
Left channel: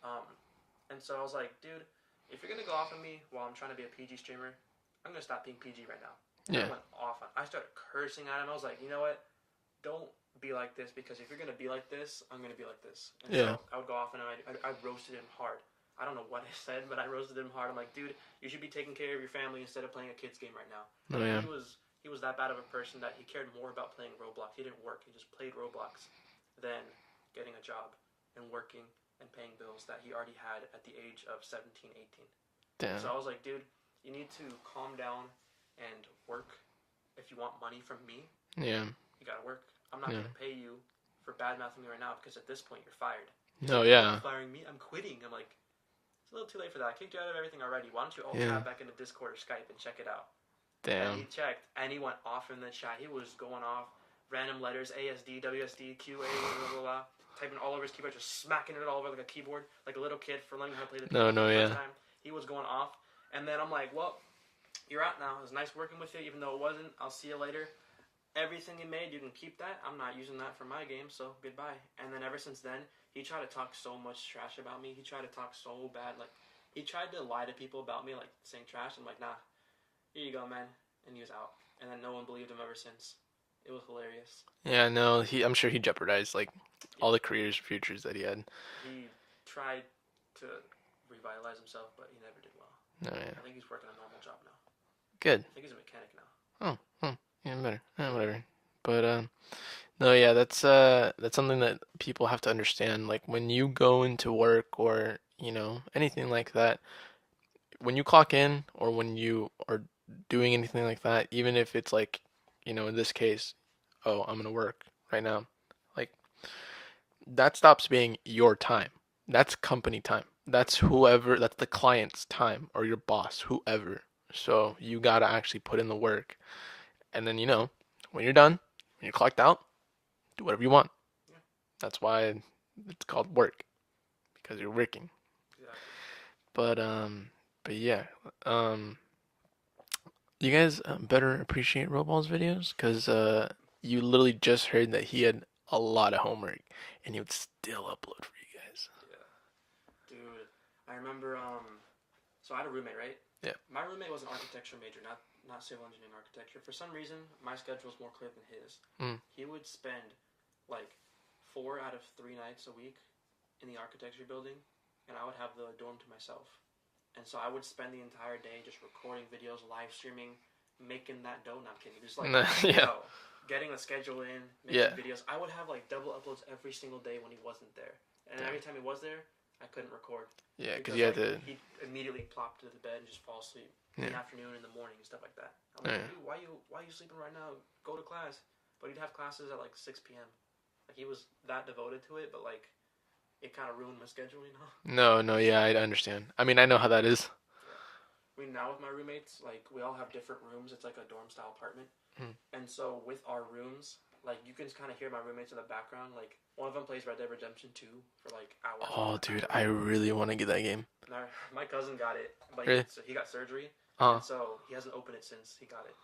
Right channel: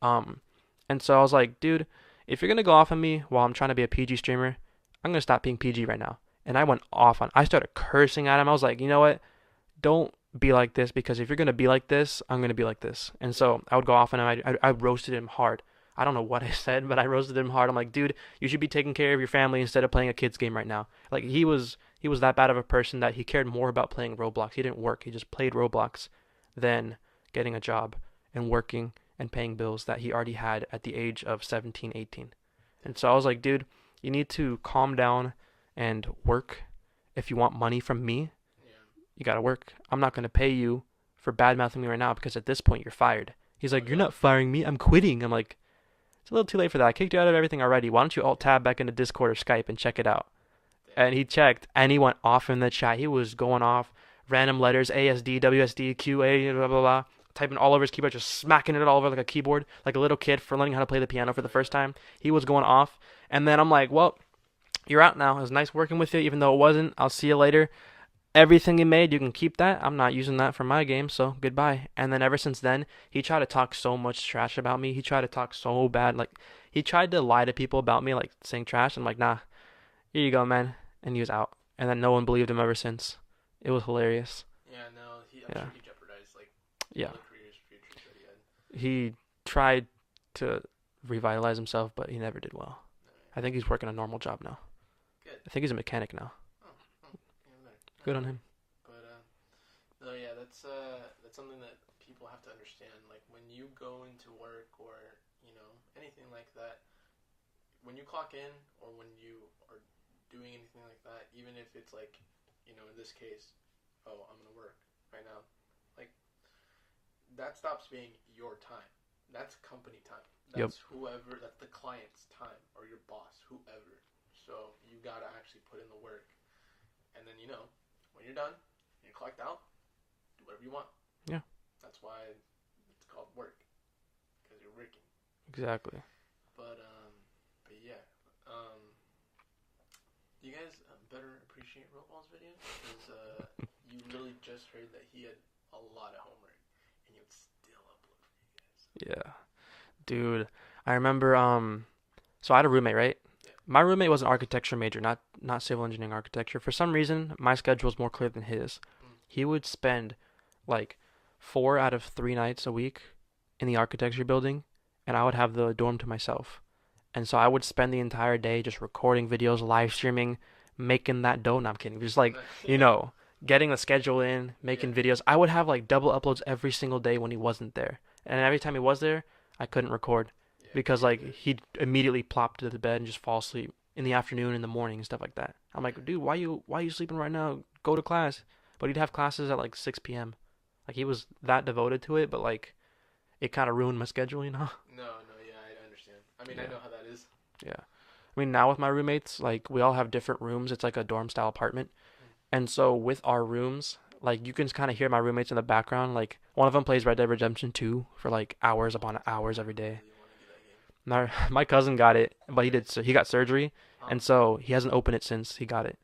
Um, and so I was like, dude, if you're gonna go off on me while I'm trying to be a PG streamer, I'm gonna stop being PG right now. And I Yeah. went off on. I started cursing at him. I was like, you know what? Don't be like this because if you're gonna be like this, I'm gonna be like this. And Yeah. so I would go off on him. I roasted him hard. I don't know what I said, but I roasted him hard. I'm like, dude, you should be taking care of your family instead of playing a kid's game right now. Oh, Like yeah. he was that bad of a person that he cared more about playing Roblox. He didn't work. He just played Roblox than getting a job and working and paying bills that he already had at the age of 17, 18. And Damn. so I was like, dude, you need to calm down and work. If you want money from me, Yeah. you gotta work. I'm not Yeah. gonna pay you for bad mouthing me right now because at this point you're fired. He's Oh, like, you're yeah. not firing me. I'm quitting. I'm like, it's a little too late for that. I kicked you out of everything already. Why don't you alt Yeah. tab back into Discord or Skype and check it out? And Damn. he checked and he went off in the chat. He was going off random letters ASD, WSD, QA, blah blah blah, typing all over his keyboard, just smacking it all over like a keyboard, like a little kid for learning how to play the piano for No, the first yeah. time. He was going off, and then I'm like, well, you're out now. It was nice working with you, even though it wasn't. I'll see you later. Everything you made, you can keep that. I'm not using that for my game, so goodbye. And then ever since then, he tried to talk so much trash about me. He tried to talk so bad, like he tried to lie to people about me, like saying trash. I'm like, nah, here you go, man. And he was out. And then no one believed him ever since. It was hilarious. Yeah. No. I'm Yeah, sure he jeopardized like yeah. all the careers, futures that he had. He tried to revitalize himself, but he never did well. No. Yeah. I think he's working a normal job now. Good. I think he's a mechanic now. Oh. Oh. Yeah. Better. Yeah, Good on whatever. him. But no. Yeah. That's something that people have to understand. Like when you go into work or anything like that, when you clock in or when you are doing anything like that, even if it's like, in this case, oh, I'm gonna work right now, like that stops being your time. That's company time. Yep. That's the client's time or your boss, whoever. So you gotta actually put in the work. And then, when you're done, when you're clocked out, do whatever you want. Yeah, That's why it's called work, because you're working. exactly. But yeah, um, you guys better appreciate Roball's videos because you literally just heard that he had a lot of homework and he would still upload for you guys. Yeah. Dude, I remember so I had a roommate, right? Yeah. My roommate was an architecture major, not civil engineering architecture. For some reason, my schedule was more clear than his. Mm. He would spend like 4 out of 3 nights a week in the architecture building, and I would have the dorm to myself. And so I would spend the entire day just recording videos, live streaming, making that dough. No, I'm kidding. Just like, you Yeah, know, getting the schedule in, yeah, making videos. I would have like double uploads every single day when he wasn't there. And every time he was there, I couldn't record yeah. Because because you had like to. he'd immediately plop to the bed and just fall asleep in Yeah, the afternoon, in the morning, and stuff like that. I'm yeah. like, dude, why you sleeping right now? Go to class. But he'd have classes at like 6 p.m. Like he was that devoted to it, but like it kind of ruined my schedule, you know? No, no, yeah, I understand. I mean, I know how that is. Yeah. I mean, now with my roommates, like we all have different rooms. It's like a dorm style apartment. Hmm. And so with our rooms, like you can kind of hear my roommates in the background. Like one of them plays Red Dead Redemption 2 for like hours Oh, upon dude, hours I every day. really want to get that game. And my cousin got it, but Really? he got surgery, Oh, and so he hasn't opened it since he got it.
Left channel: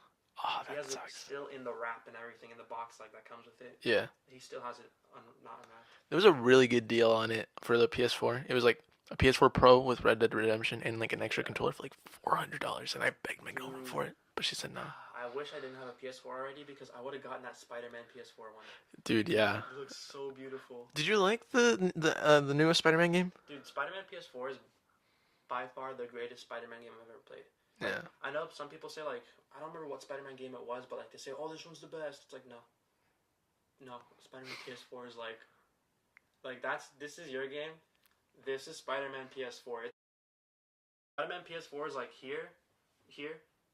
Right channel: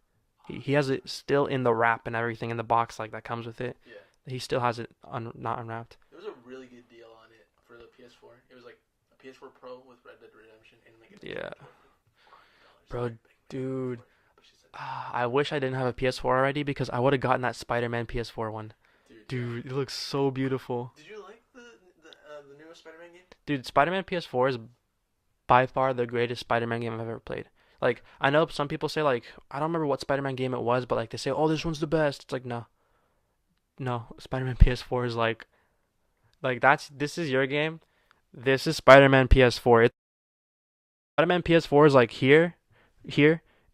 He, oh, he that has it sucks. still in the wrap and everything in the box like that comes with it. Yeah. He still has it not unwrapped. There was a really good deal on it for the PS4. It was like a PS4 Pro with Red Dead Redemption and like an extra Yeah, controller for like $400. And I but begged my girlfriend dude, for it, but she said no. I wish I didn't have a PS4 already because I would have gotten that Spider-Man PS4 one. Dude, yeah. Dude, it looks so beautiful. Did you like the newest Spider-Man game? Dude, Spider-Man PS4 is by far the greatest Spider-Man game I've ever played. Yeah. Like, I know some people say like, I don't remember what Spider-Man game it was, but like they say, "Oh, this one's the best." It's like, no. No, Spider-Man PS4 is like this is your game. This is Spider-Man PS4. Spider-Man PS4 is like here,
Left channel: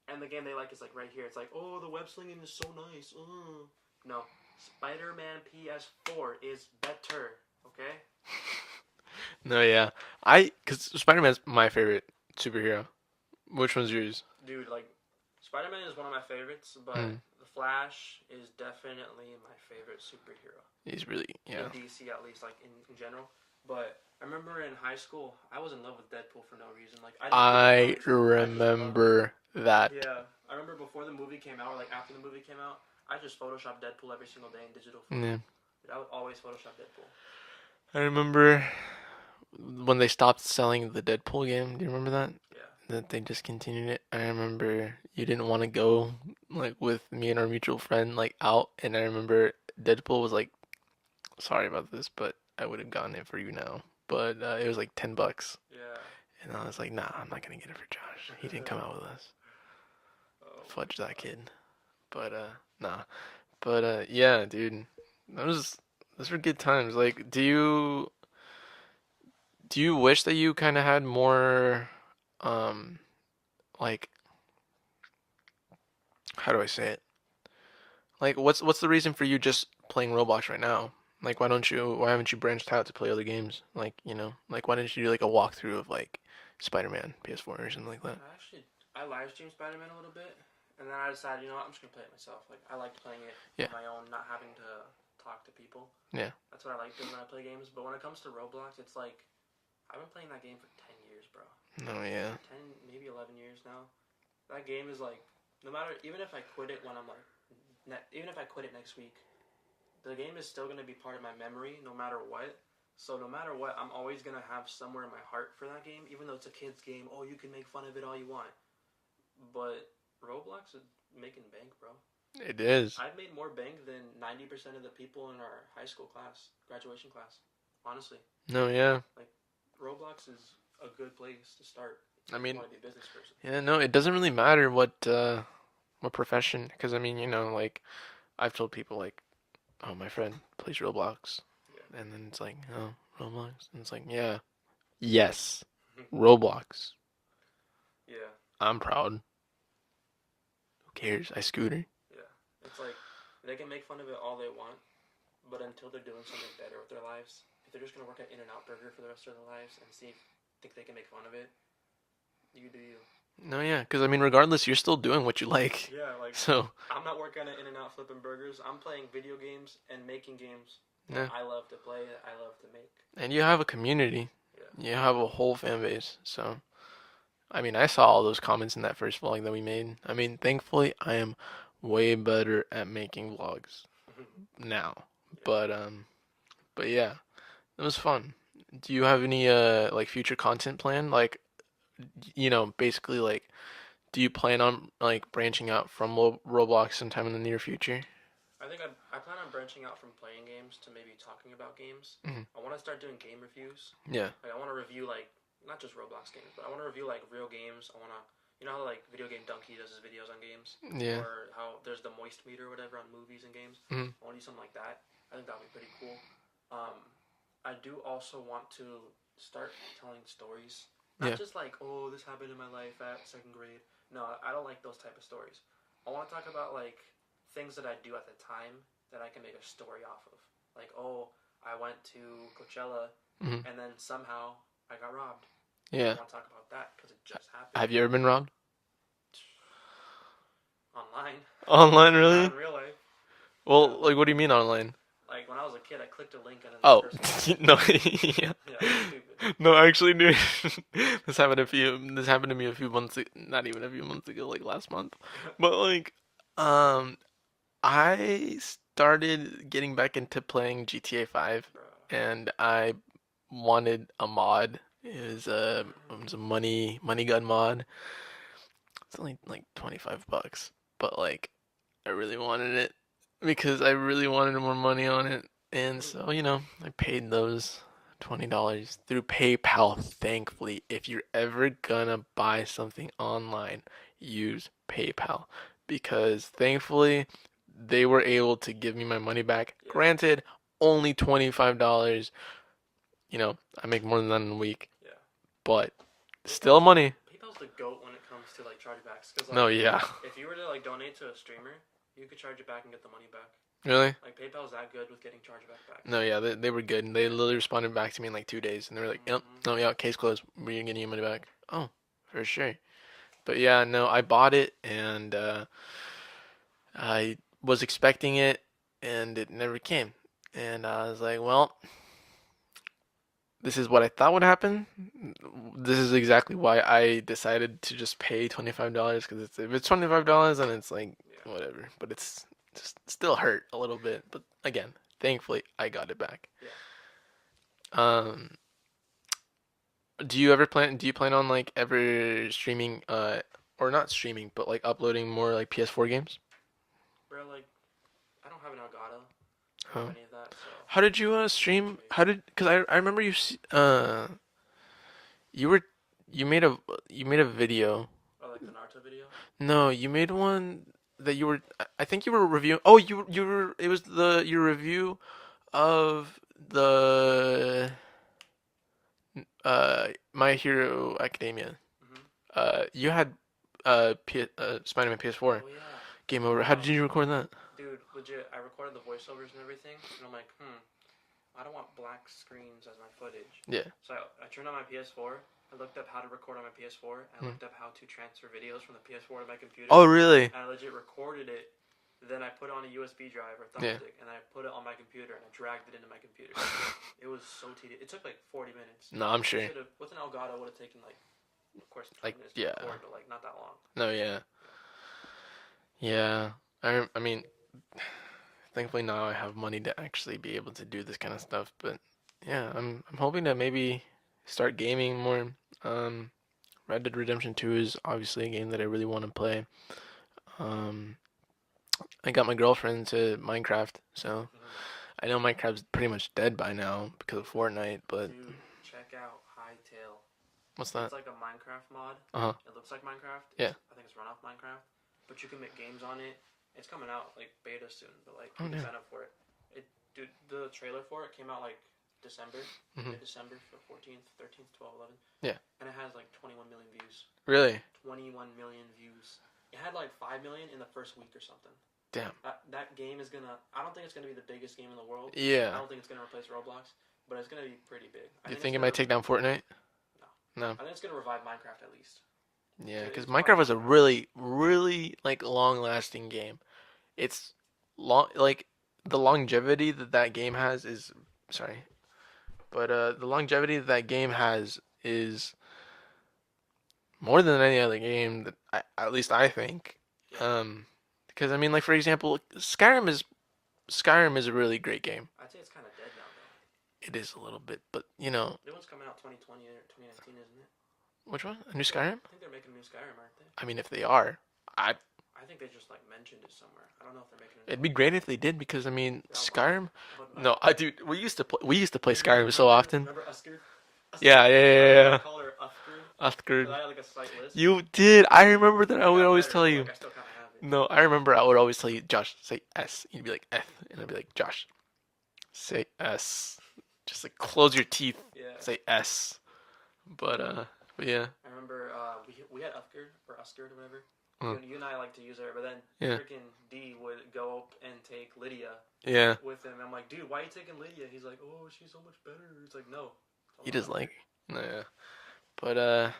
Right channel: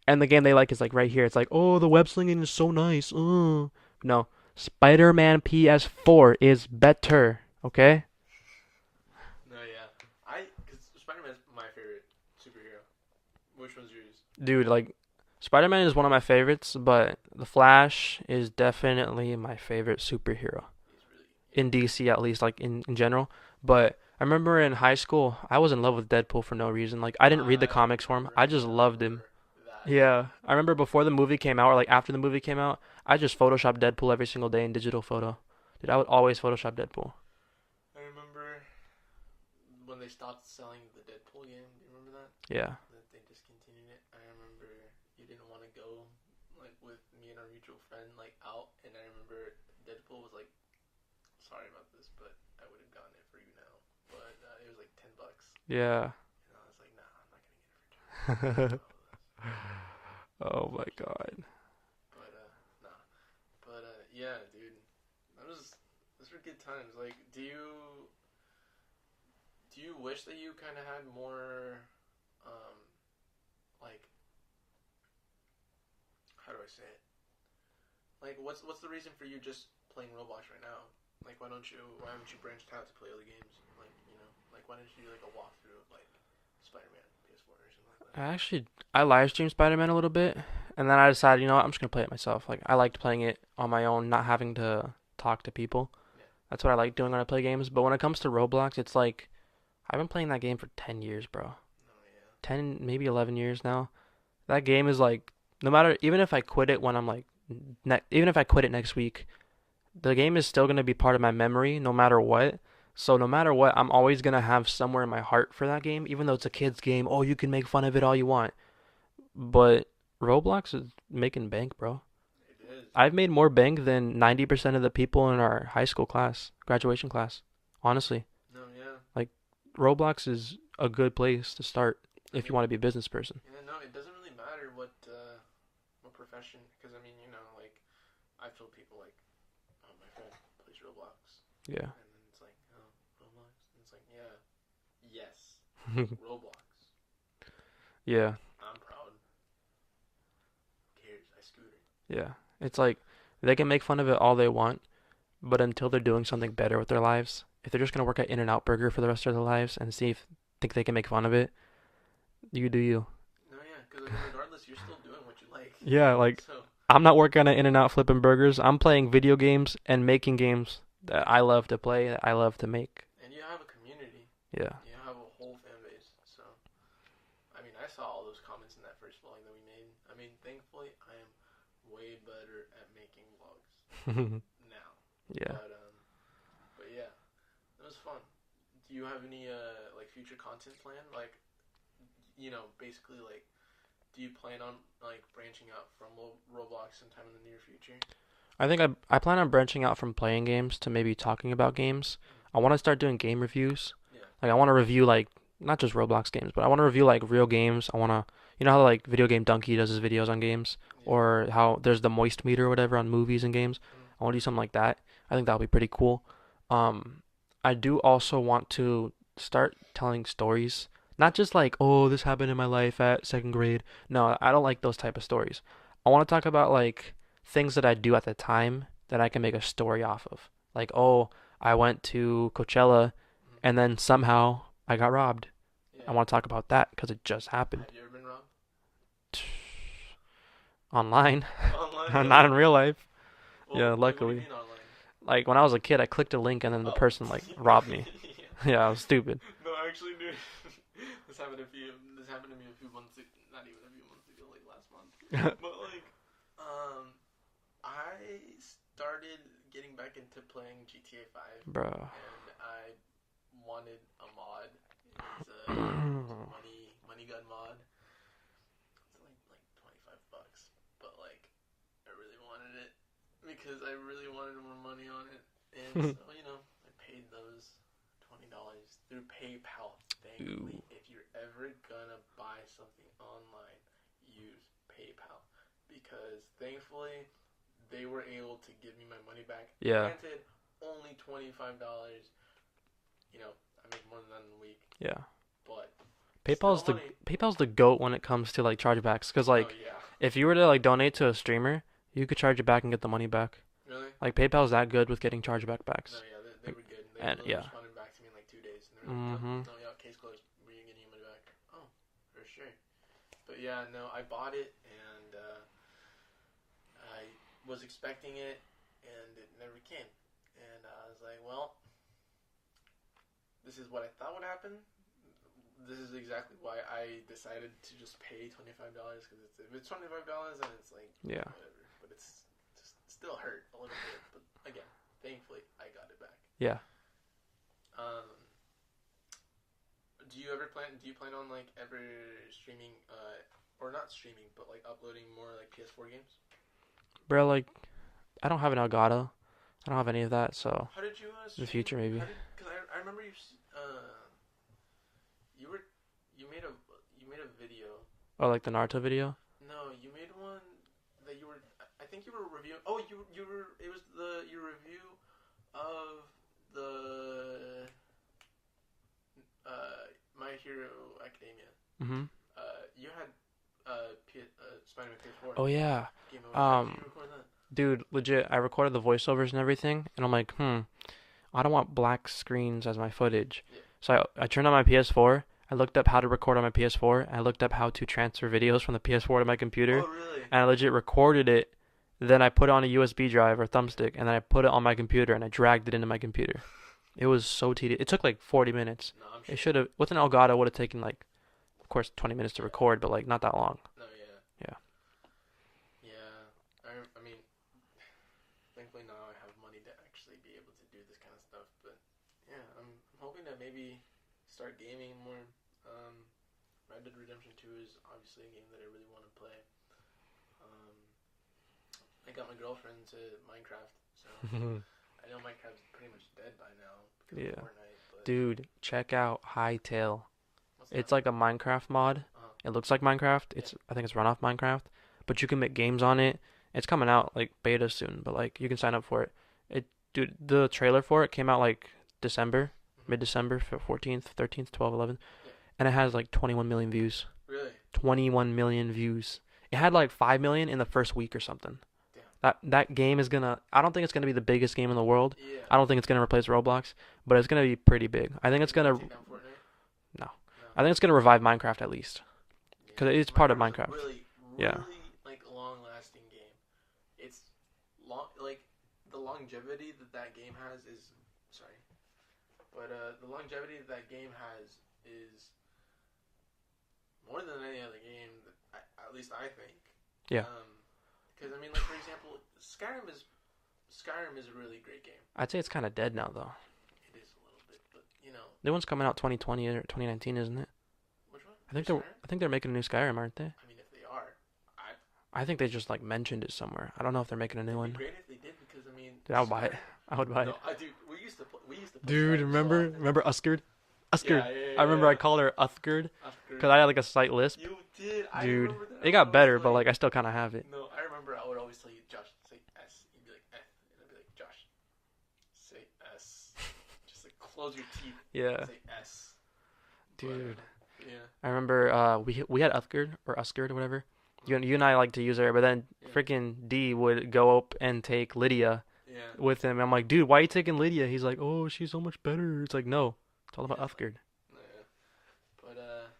and the game they like is like right here. It's like, "Oh, the web slinging is so nice." No. Spider-Man PS4 is better, okay? No, yeah. Cause Spider-Man's my favorite superhero. Which one's yours? Dude, like Spider-Man is one of my favorites, but Mm, the Flash is definitely my favorite superhero he's really, yeah. in DC at least, like in general. But I remember in high school, I was in love with Deadpool for no reason. Like I didn't read the I comics for him. I just loved him. remember that. Yeah, I remember before the movie came out or like after the movie came out, I just photoshopped Deadpool every single day in digital photo. Yeah. Dude, I would always Photoshop Deadpool. I remember when they stopped selling the Deadpool game. Do you remember that? Yeah. That they discontinued it. I remember you didn't want to go like with me and our mutual friend like out, and I remember Deadpool was like, sorry about this, but I would have gotten it for you now. But it was like $10, Yeah. and I was like, nah, I'm not gonna get it for Josh. He didn't come out with us. Oh my Fudge that god. kid. But nah. But yeah, dude, that was those were good times. Like, do you wish that you kind of had more, um, like, how do I say it? Like, what's the reason for you just playing Roblox right now? Like, why haven't you branched out to play other games? Like, like why didn't you do like a walkthrough of like Spider-Man PS4 or something like that? I live streamed Spider-Man a little bit, and then I decided, you know what, I'm just gonna play it myself. Like I liked playing it Yeah, on my own, not having to talk to people. yeah. That's what I like doing when I play games. But when it comes to Roblox, it's like I've been playing that game for 10 years, bro. No, yeah. 10, maybe 11 years now. That game is like, no matter, even if I quit it when I'm like, even if I quit it next week, the game is still gonna be part of my memory no matter what. So no matter what, I'm always gonna have somewhere in my heart for that game, even though it's a kid's game. Oh, you can make fun of it all you want. But Roblox is making bank, bro. It is. I've made more bank than 90% of the people in our high school class, graduation class. Honestly, No, yeah. like Roblox is a good place to start I if you mean, want to be a business person. yeah, no, it doesn't really matter what profession, because I mean, like I've told people like, oh, my friend plays Roblox, Yeah. and then it's like, oh, Roblox, and it's like, yeah, yes, Roblox. Yeah. I'm proud. Who cares? I scooter. Yeah. It's like they can make fun of it all they want, but until they're doing something better with their lives, if they're just gonna work at In-N-Out Burger for the rest of their lives and see if think they can make fun of it, you do you. No, yeah, because I mean, regardless, you're still doing what you like. Yeah, like So, I'm not working at In-N-Out flipping burgers. I'm playing video games and making games that yeah, I love to play, that I love to make. and you have a community. Yeah. You have a whole fan base. So, I mean, I saw all those comments in that first vlog that we made. I mean, thankfully, I am way better at making vlogs now. Yeah. But yeah, it was fun. Do you have any like future content plan? Like, basically like, do you plan on like branching out from Roblox sometime in the near future? I plan on branching out from playing games to maybe talking about games. Hmm. I want to start doing game reviews. Yeah. Like I want to review like not just Roblox games, but I want to review like real games. I want to you know how like Video Game Donkey does his videos on games, Yeah. or how there's the moist meter or whatever on movies and games. Hmm. I want to do something like that. I think that would be pretty cool. Um, I do also want to start telling stories, not Yeah. just like oh this happened in my life at second grade. No, I don't like those type of stories. I want to talk about like things that I do at the time that I can make a story off of. Like oh I went to Coachella Hmm. and then somehow I got robbed. I Yeah. want to talk about that because it just happened Have you ever been robbed? online, Online, not in really? real life. Yeah, Well, like, what do you luckily. mean online? Like when I was a kid, I clicked a link and then the Oh, person like no, robbed me. yeah. Yeah, I was stupid. No, actually, dude, this happened to me a few months ago, not even a few months ago, like last month. But like, um, I started getting back into playing GTA 5, Bro. and I wanted a mod. It was a money gun mod. It's only like 25 bucks, but like I really wanted it because I really wanted more money on it. And so, I paid those $20 through PayPal, thankfully. If you're ever gonna buy something online, use PayPal because thankfully they were able to give me my money back. Yeah, Granted, only $25. I make more than that in a week, yeah. but still PayPal's the money. PayPal's the goat when it comes to like chargebacks. Cause No, like yeah. if you were to like donate to a streamer, you could charge it back and get the money back. Really? Like PayPal's that good with getting chargeback backs. No, yeah, they were good. And they And literally yeah. responded back to me in like 2 days, and they were like, "Yep, Mhm. no, yeah, case closed. We're getting your money back." Oh, for sure. But yeah, no, I bought it, and I was expecting it, and it never came. And I was like, "Well, this is what I thought would happen. This is exactly why I decided to just pay $25 because if it's $25, then it's like Yeah. whatever. But it's just still hurt a little bit. But again, thankfully, I got it back." Yeah. Um, do you plan on like ever streaming or not streaming, but like uploading more like PS4 games? Bro, like I don't have an Elgato. I don't have Uh, any of that, so how did you in the future stream? How maybe. did cuz I remember you were you made a video. Or like the Naruto video. No, you made one that you were I think you were reviewing. Oh, you were it was the your review of the My Hero Academia. Mhm. You had Spider-Man PS4 Oh yeah. game over. How did Um, you record that? dude, legit, I recorded the voiceovers and everything, and I'm like, I don't want black screens as my footage. Yeah. So I turned on my PS4. I looked up how to record on my PS4. I Mhm. looked up how to transfer videos from the PS4 to my computer, Oh, really? and I legit recorded it. Then I put it on a USB drive or Yeah. thumbstick, and then I put it on my computer, and I dragged it into my computer. It was so tedious. It took like 40 minutes. No, I'm It sure. should have, with an Elgato, would have taken like, of course, 20 Like, minutes to yeah. record, but like not that long. No, yeah. Yeah. Yeah. I mean, thankfully now I have money to actually be able to do this kind of stuff. But yeah, I'm hoping to maybe start gaming more. Um, Red Dead Redemption 2 is obviously a game that I really want to play. Um, I got my girlfriend to Minecraft, so I know Minecraft's pretty much dead by now because of Yeah. Fortnite. But Dude, check out Hytale. what's It's that? like a Minecraft mod. Uh-huh. It looks like Minecraft. Yeah. I think it's run off Minecraft, but you can make games on it. It's coming out like beta soon, but like you can Okay. sign up for it. Dude, the trailer for it came out like December, Mhm. mid-December, 14th, 13th, 12th, 11th. Yeah. And it has like 21 million views. Really? 21 million views. It had like 5 million in the first week or something. Damn. That game is gonna. I don't think it's gonna be the biggest game in the world. Yeah. I don't think it's gonna replace Roblox, but it's gonna be pretty big. I think You it's think it gonna. might take down Fortnite? No. No. I think it's gonna revive Minecraft at least. Yeah, 'Cause 'cause it's part of Minecraft was a Minecraft. really, really like long-lasting game. It's long, like the longevity that that game has is sorry, but the longevity that that game has is more than any other game that at least I think. Yeah. Because I mean, like for example, Skyrim is a really great game. I'd say it's kind of dead now though. It is a little bit, but New one's coming out 2020 or 2019, isn't it? which one? A I new think they're, Skyrim? I think they're making a new Skyrim, aren't they? I mean, if they are, I I think they just like mentioned it somewhere. I don't know if they're making a new It'd be one. great if they did because I mean Dude, I would buy it. Skyrim. I would buy it. No, I dude, we used to play Dude, Skyrim so often. remember Uskard? Yeah, Uskard. yeah, I yeah, remember I yeah. called her Uskard because Uthgard. I had like a slight lisp. You did. I Dude, remember that. I it would got always better, tell but you. like I still kind of have it. No, I remember I would always tell you, Josh, say S. You'd be like F, and I'd be like, Josh, say S. Just like close your teeth. Yeah. Say S. But Dude. but yeah, I remember we had Uthgard or Uskard or whatever. uh, You and I like to use her, but then yeah, freaking D would go up and take Lydia yeah. with him. I'm like, dude, why are you taking Lydia? He's like, oh, she's so much better. It's like, no, it's all He about just Uthgard. like, yeah.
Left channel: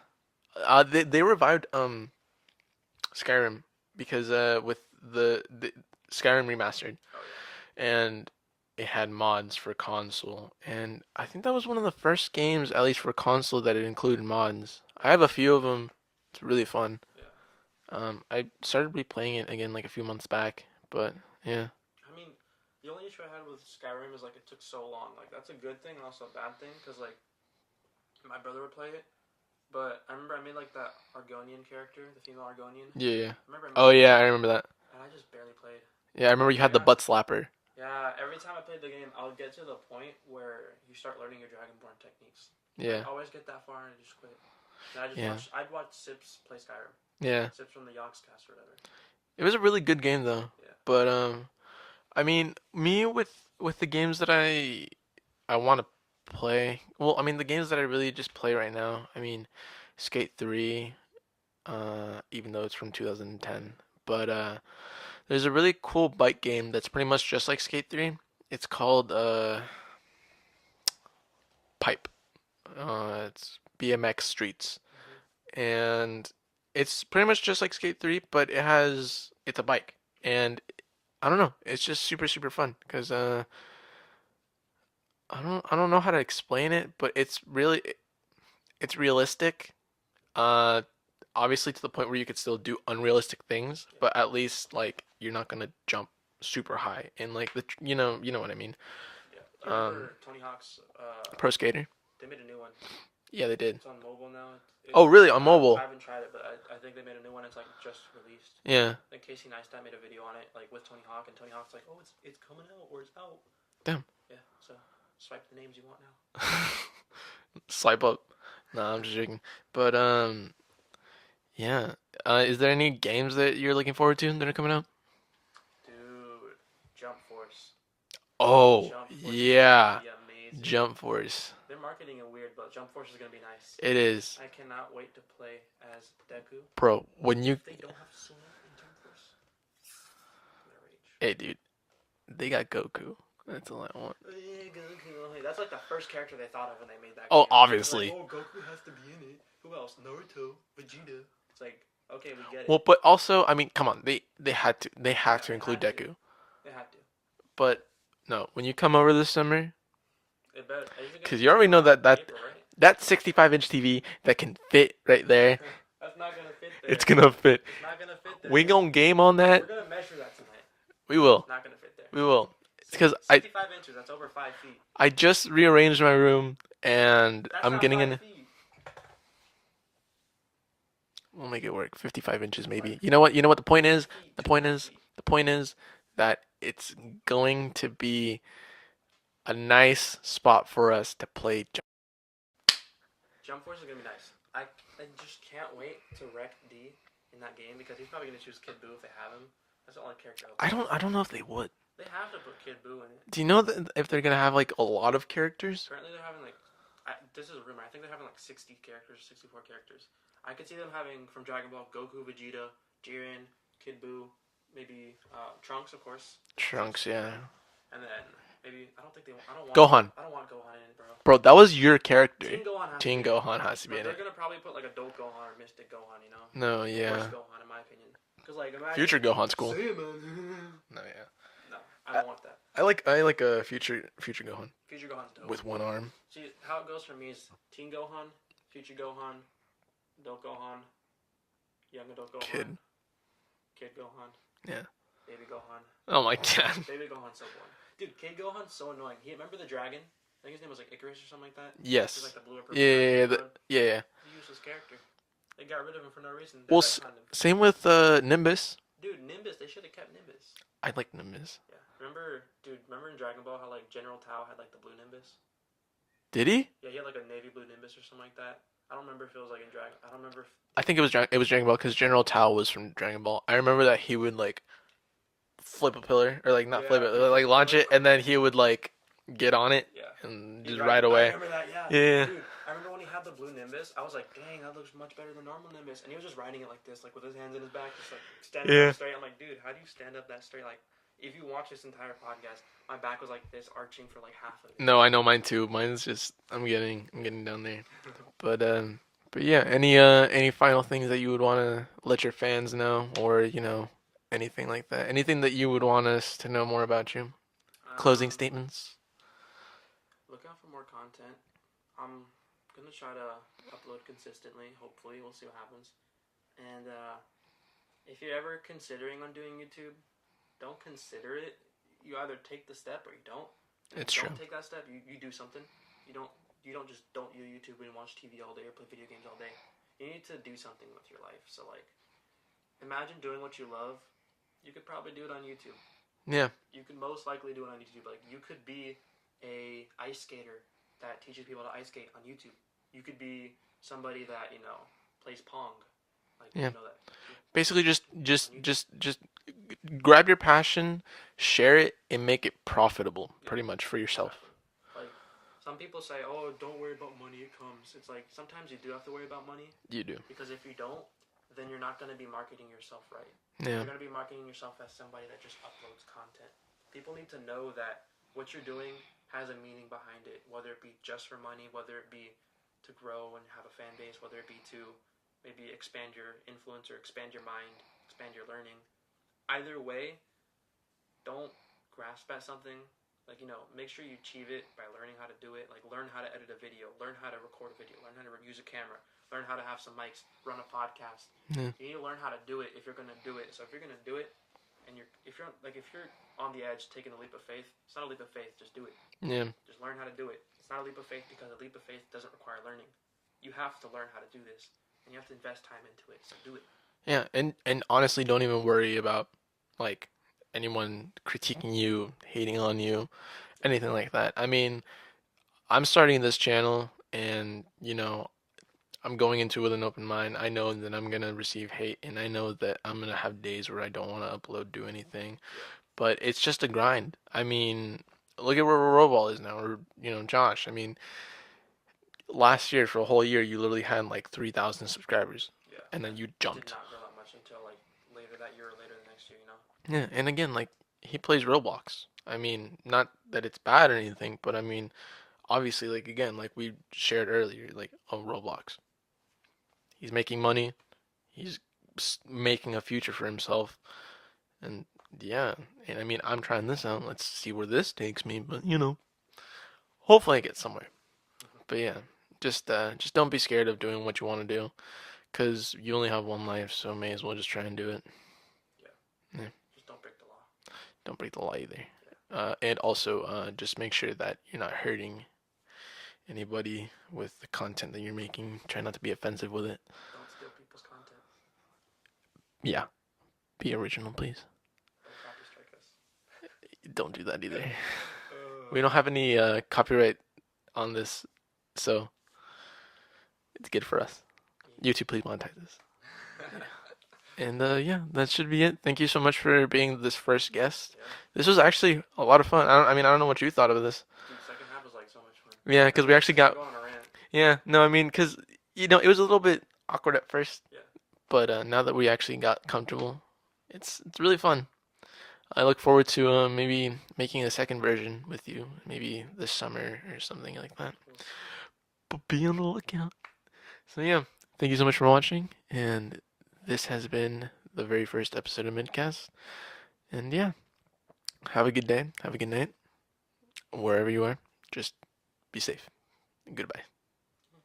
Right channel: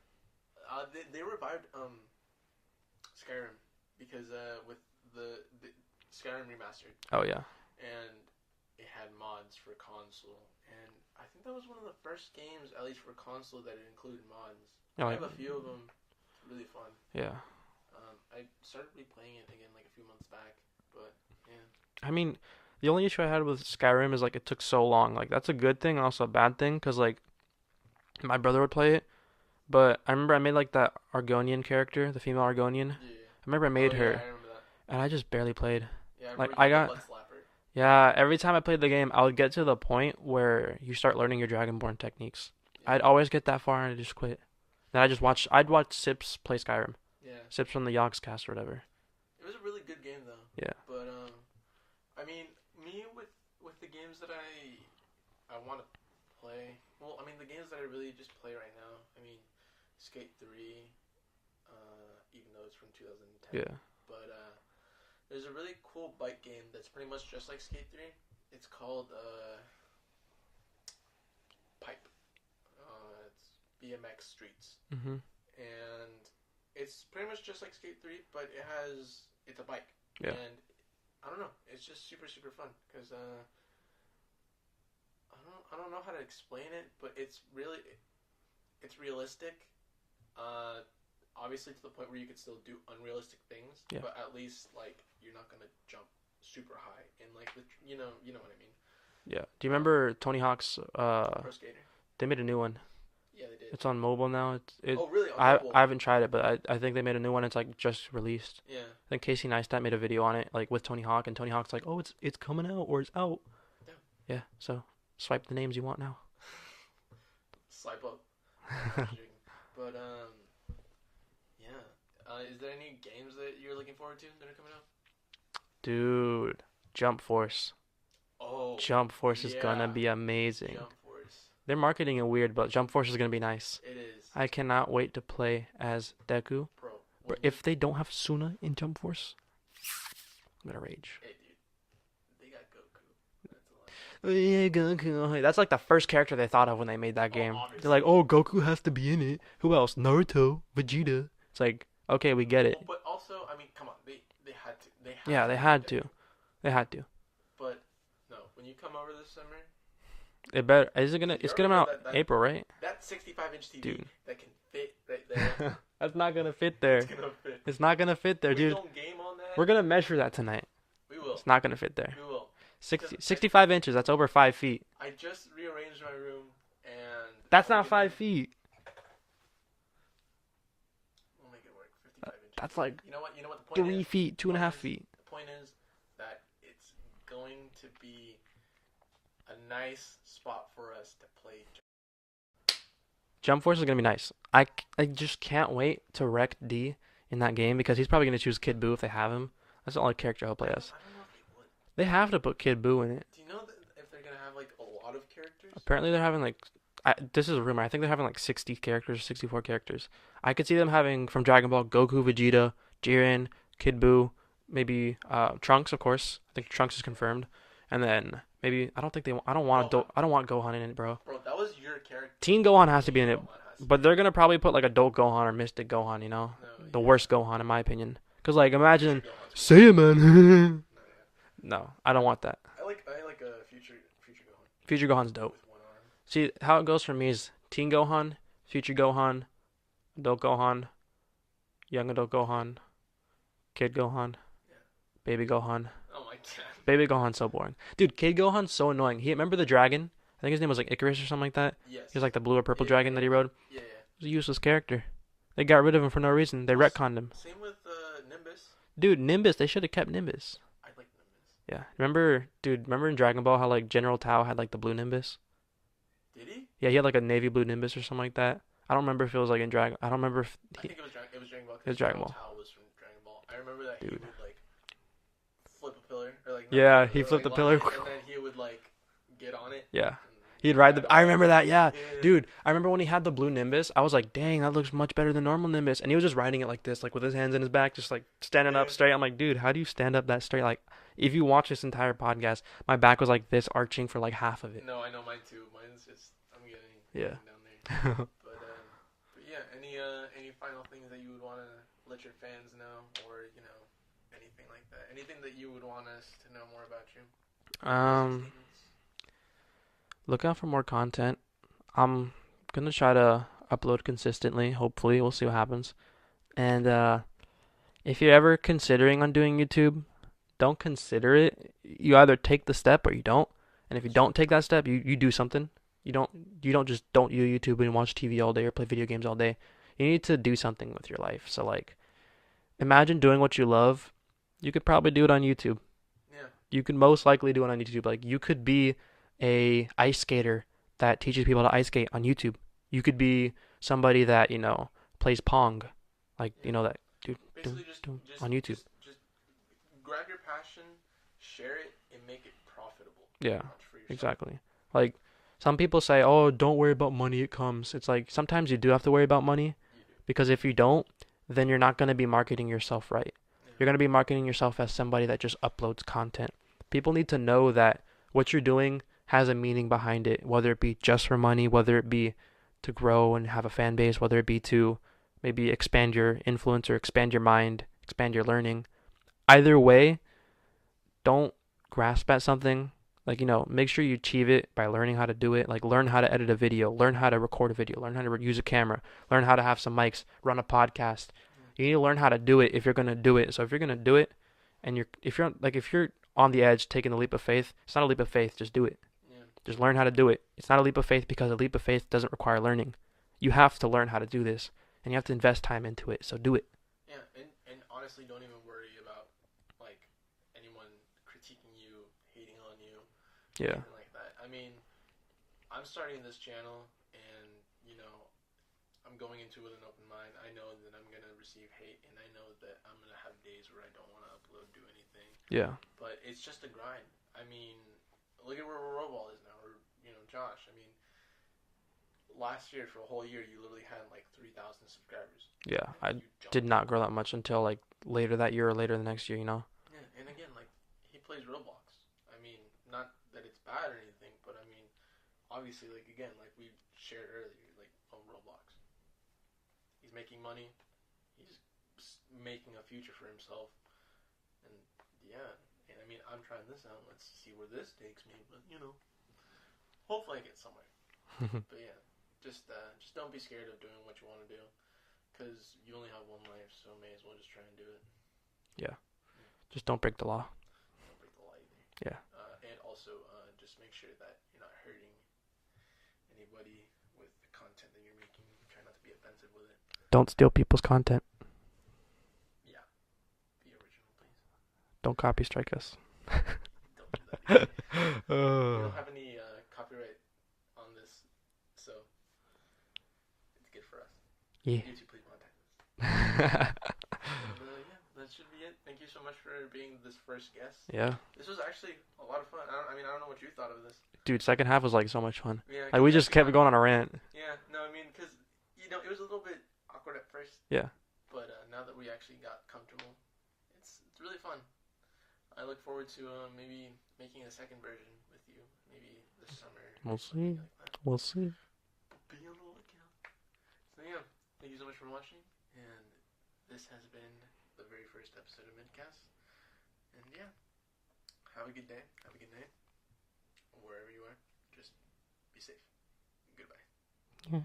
But they revived Skyrim because with the Skyrim remastered Oh yeah, and it had mods for console and I think that was one of the first games at least for console that it included mods. I oh have a few of them. It's really fun. yeah. I started replaying it again like a few months back, but yeah, I mean, the only issue I had with Skyrim is like it took so long. Like that's a good thing and also a bad thing because like my brother would play it, but I remember I made like that Argonian character, the female Argonian. yeah, yeah. I remember I Oh made yeah, I her, remember that. and I just barely played. Yeah, I remember Like you I had the got butt slapper. yeah. Every time I played the game, I would get to the point where you start learning your Dragonborn techniques. I'd Yeah, always get that far and I just quit. Then I just yeah, I'd watch Sips play Skyrim. yeah. Sips from the Yogscast or whatever. It was a really good game though. Yeah. But I mean, me with the games that I want to play. Well, I mean, the games that I really just play right now. I mean, Skate 3, even though it's from 2010. Yeah. But there's a really cool bike game that's pretty much just like Skate 3. It's called Pipe. It's BMX Streets, Mhm. and it's pretty much just like Skate 3, but it's a bike, Yeah. and I don't know, it's just super super fun because I don't know how to explain it, but it's realistic. Uh, Obviously to the point where you could still do unrealistic things, Yeah. but at least like you're not gonna jump super high and like you know what I mean. Yeah. Do you remember Tony Hawk's Pro Skater. they made a new one. Yeah, they did. It's on mobile now. Oh, really? On mobile? I haven't tried it, but I think they made a new one. It's like just released. Yeah. I think Casey Neistat made a video on it, like with Tony Hawk, and Tony Hawk's like, "Oh, it's coming out or it's out." Damn. Yeah. So swipe the names you want now. Swipe up. No, I'm just joking. But yeah. Is there any games that you're looking forward to that are coming out? Dude, Jump Force. Oh, Jump Force is yeah. gonna be amazing. Jump Force. They're marketing it weird, but Jump Force is gonna be nice. It is. I cannot wait to play as Deku. Bro, when you If they don't have Suna in Jump Force, I'm gonna rage. Hey, dude. They got Goku. That's all I want. Oh, yeah, Goku. That's like the first character they thought of when they made that Oh, game. obviously. They're like, oh, Goku has to be in it. Who else? Naruto, Vegeta. It's like, okay, we get it. Well, but also, I mean, come on. They had to. They had Yeah, to they include had Deku. to. They had to. But no, when you come over this summer, It better. Is it gonna? 'cause It's you already coming know out that April, right? that 65-inch TV that can fit right there, That's not gonna fit there. it's gonna fit. It's not gonna fit there. We dude. gonna game on that. We're gonna measure that tonight. We will. It's not gonna fit there. We will. 'Cause 65 inches. That's over 5 feet. I just rearranged my room and That's I'm not getting 5 in. feet. We'll make it work. 55 inches That's maybe. like You know what? You know what the point 3 is? feet. The Two point and a half is. feet. The point is that it's going to be a nice spot for us to play. Jump Force is gonna be nice. I just can't wait to wreck D in that game because he's probably gonna choose Kid Buu if they have him. That's the only character I hope. he has. I don't know if they would. They have to put Kid Buu in it. Do you know that if they're gonna have like a lot of characters? Apparently they're having like, this is a rumor. I think they're having like 60 characters, 64 characters. I could see them having from Dragon Ball Goku, Vegeta, Jiren, Kid Buu, maybe Trunks of course. I think Trunks is Trunks, yeah. confirmed, and then maybe I don't think they. I don't want Gohan. I don't want Gohan in it, bro. Bro, that was your character. Teen Gohan has to Teen be in it. Gohan has to be But in they're it. gonna probably put like Adult Gohan or Mystic Gohan, you know, No, the yeah. worst Gohan in my opinion. Cause like imagine Future Gohan's cool. Saiyaman. No, yeah. No, I don't want that. I like a future Gohan Future Gohan's dope. with one arm. See how it goes for me is Teen Gohan, Future Gohan, Adult Gohan, Young Adult Gohan, Kid Gohan, Yeah. Baby Gohan. Oh my god. Baby Gohan's so boring. Dude, Kid Gohan's so annoying. Remember the dragon? I think his name was like Icarus or something like that. Yes. He's like the blue or purple Yeah, dragon yeah, that he yeah, rode. Yeah. He's a useless character. They got rid of him for no reason. They Well, retconned him. Same with Nimbus. Dude, Nimbus. They should have kept Nimbus. I like Nimbus. Yeah. Remember, dude, remember in Dragon Ball how like General Tao had like the blue Nimbus? Did he? Yeah, he had like a navy blue Nimbus or something like that. I don't remember if it was like in Dragon. I don't remember if I think it was Dragon Ball it because was Dragon General Ball. Tao was from Dragon Ball. I remember that he Yeah. would like flip a pillar or like not flip Yeah, he it, flipped like the launch pillar. it, and then he would like get on it Yeah. and He'd just ride ride the. I away. remember that. Yeah, Yeah, dude. I remember when he had the blue Nimbus. I was like, dang, that looks much better than normal Nimbus. And he was just riding it like this, like with his hands in his back, just like standing up yeah. straight. I'm like, dude, how do you stand up that straight? Like, if you watch this entire podcast, my back was like this, arching for like half of it. No, I know mine too. Mine's just I'm Yeah. getting down there. But yeah, any final things that you would want to let your fans know, or anything like that? Anything that you would want us to know more about you? Closing um, statements. look out for more content. I'm gonna try to upload consistently. Hopefully, we'll see what happens. And if you're ever considering on doing YouTube, don't consider it. You either take the step or you don't. And if you It's true. don't take that step, you do something. You don't just don't do YouTube and watch TV all day or play video games all day. You need to do something with your life. So like imagine doing what you love. You could probably do it on YouTube. Yeah, You could most likely do it on YouTube. Like you could be a ice skater that teaches people to ice skate on YouTube. You could be somebody that, plays Pong. Like, yeah. that dude, Basically, on YouTube. just grab your passion, share it, and make it profitable, Yeah, pretty much for yourself. exactly. Like some people say, "Oh, don't worry about money, it comes." It's like sometimes you do have to worry about money You do. because if you don't, then you're not going to be marketing yourself right. Yeah. You're going to be marketing yourself as somebody that just uploads content. People need to know that what you're doing has a meaning behind it, whether it be just for money, whether it be to grow and have a fan base, whether it be to maybe expand your influence or expand your mind, expand your learning. Either way, don't grasp at something. Like, make sure you achieve it by learning how to do it. Like, learn how to edit a video, learn how to record a video, learn how to use a camera, learn how to have some mics, run a podcast. Yeah. You need to learn how to do it if you're going to do it. So if you're going to do it and if you're on the edge taking the leap of faith, it's not a leap of faith, just do it. Yeah. Just learn how to do it. It's not a leap of faith because a leap of faith doesn't require learning. You have to learn how to do this and you have to invest time into it. So do it. Yeah. And honestly, don't even worry about like anyone critiquing you, hating on you, Yeah. anything like that. I mean, I'm starting this channel, and I'm going into it with an open mind. I know that I'm gonna receive hate, and I know that I'm gonna have days where I don't want to upload, do anything. Yeah. But it's just a grind. I mean, look at where Roball is now, or Josh. I mean, last year for a whole year, you literally had like 3,000 subscribers, Yeah. and I then you did jumped. not grow that much until like later that year or later the next year. Yeah, and again, like he plays Roblox. I mean, not that it's bad or anything, but I mean, obviously, like again, like we shared earlier, like Roblox. He's making money. He's making a future for himself, and yeah, and I mean, I'm trying this out. Let's see where this takes me, but hopefully I get somewhere. But yeah, just don't be scared of doing what you want to do, cause you only have one life, so may as well just try and do it. Yeah. Yeah. Just don't break the law. Don't break the law either. Yeah. And also, just make sure that you're not hurting anybody with the content that you're making. Try not to be offensive with it. Don't steal people's content. Yeah. Be original, please. Don't copy strike us. Don't do that either. We don't have any copyright on this, so it's good for us. Yeah. YouTube, please monetize this. And yeah, that should be it. Thank you so much for being this first guest. Yeah. This was actually a lot of fun. I mean, I don't know what you thought of this. Dude, second half was like so much fun. Yeah, Like, because we we just actually kept got. going on a rant. Yeah, no, I mean, because it was a little bit awkward at first. Yeah. But now that we actually got comfortable, it's really fun. I look forward to maybe making a second version with you, maybe this summer or something like that. We'll see. But be on the lookout. So yeah, thank you so much for watching, and this has been the very first episode of MidCast. And yeah, have a good day, have a good night, wherever you are. Just be safe. Goodbye. Yeah.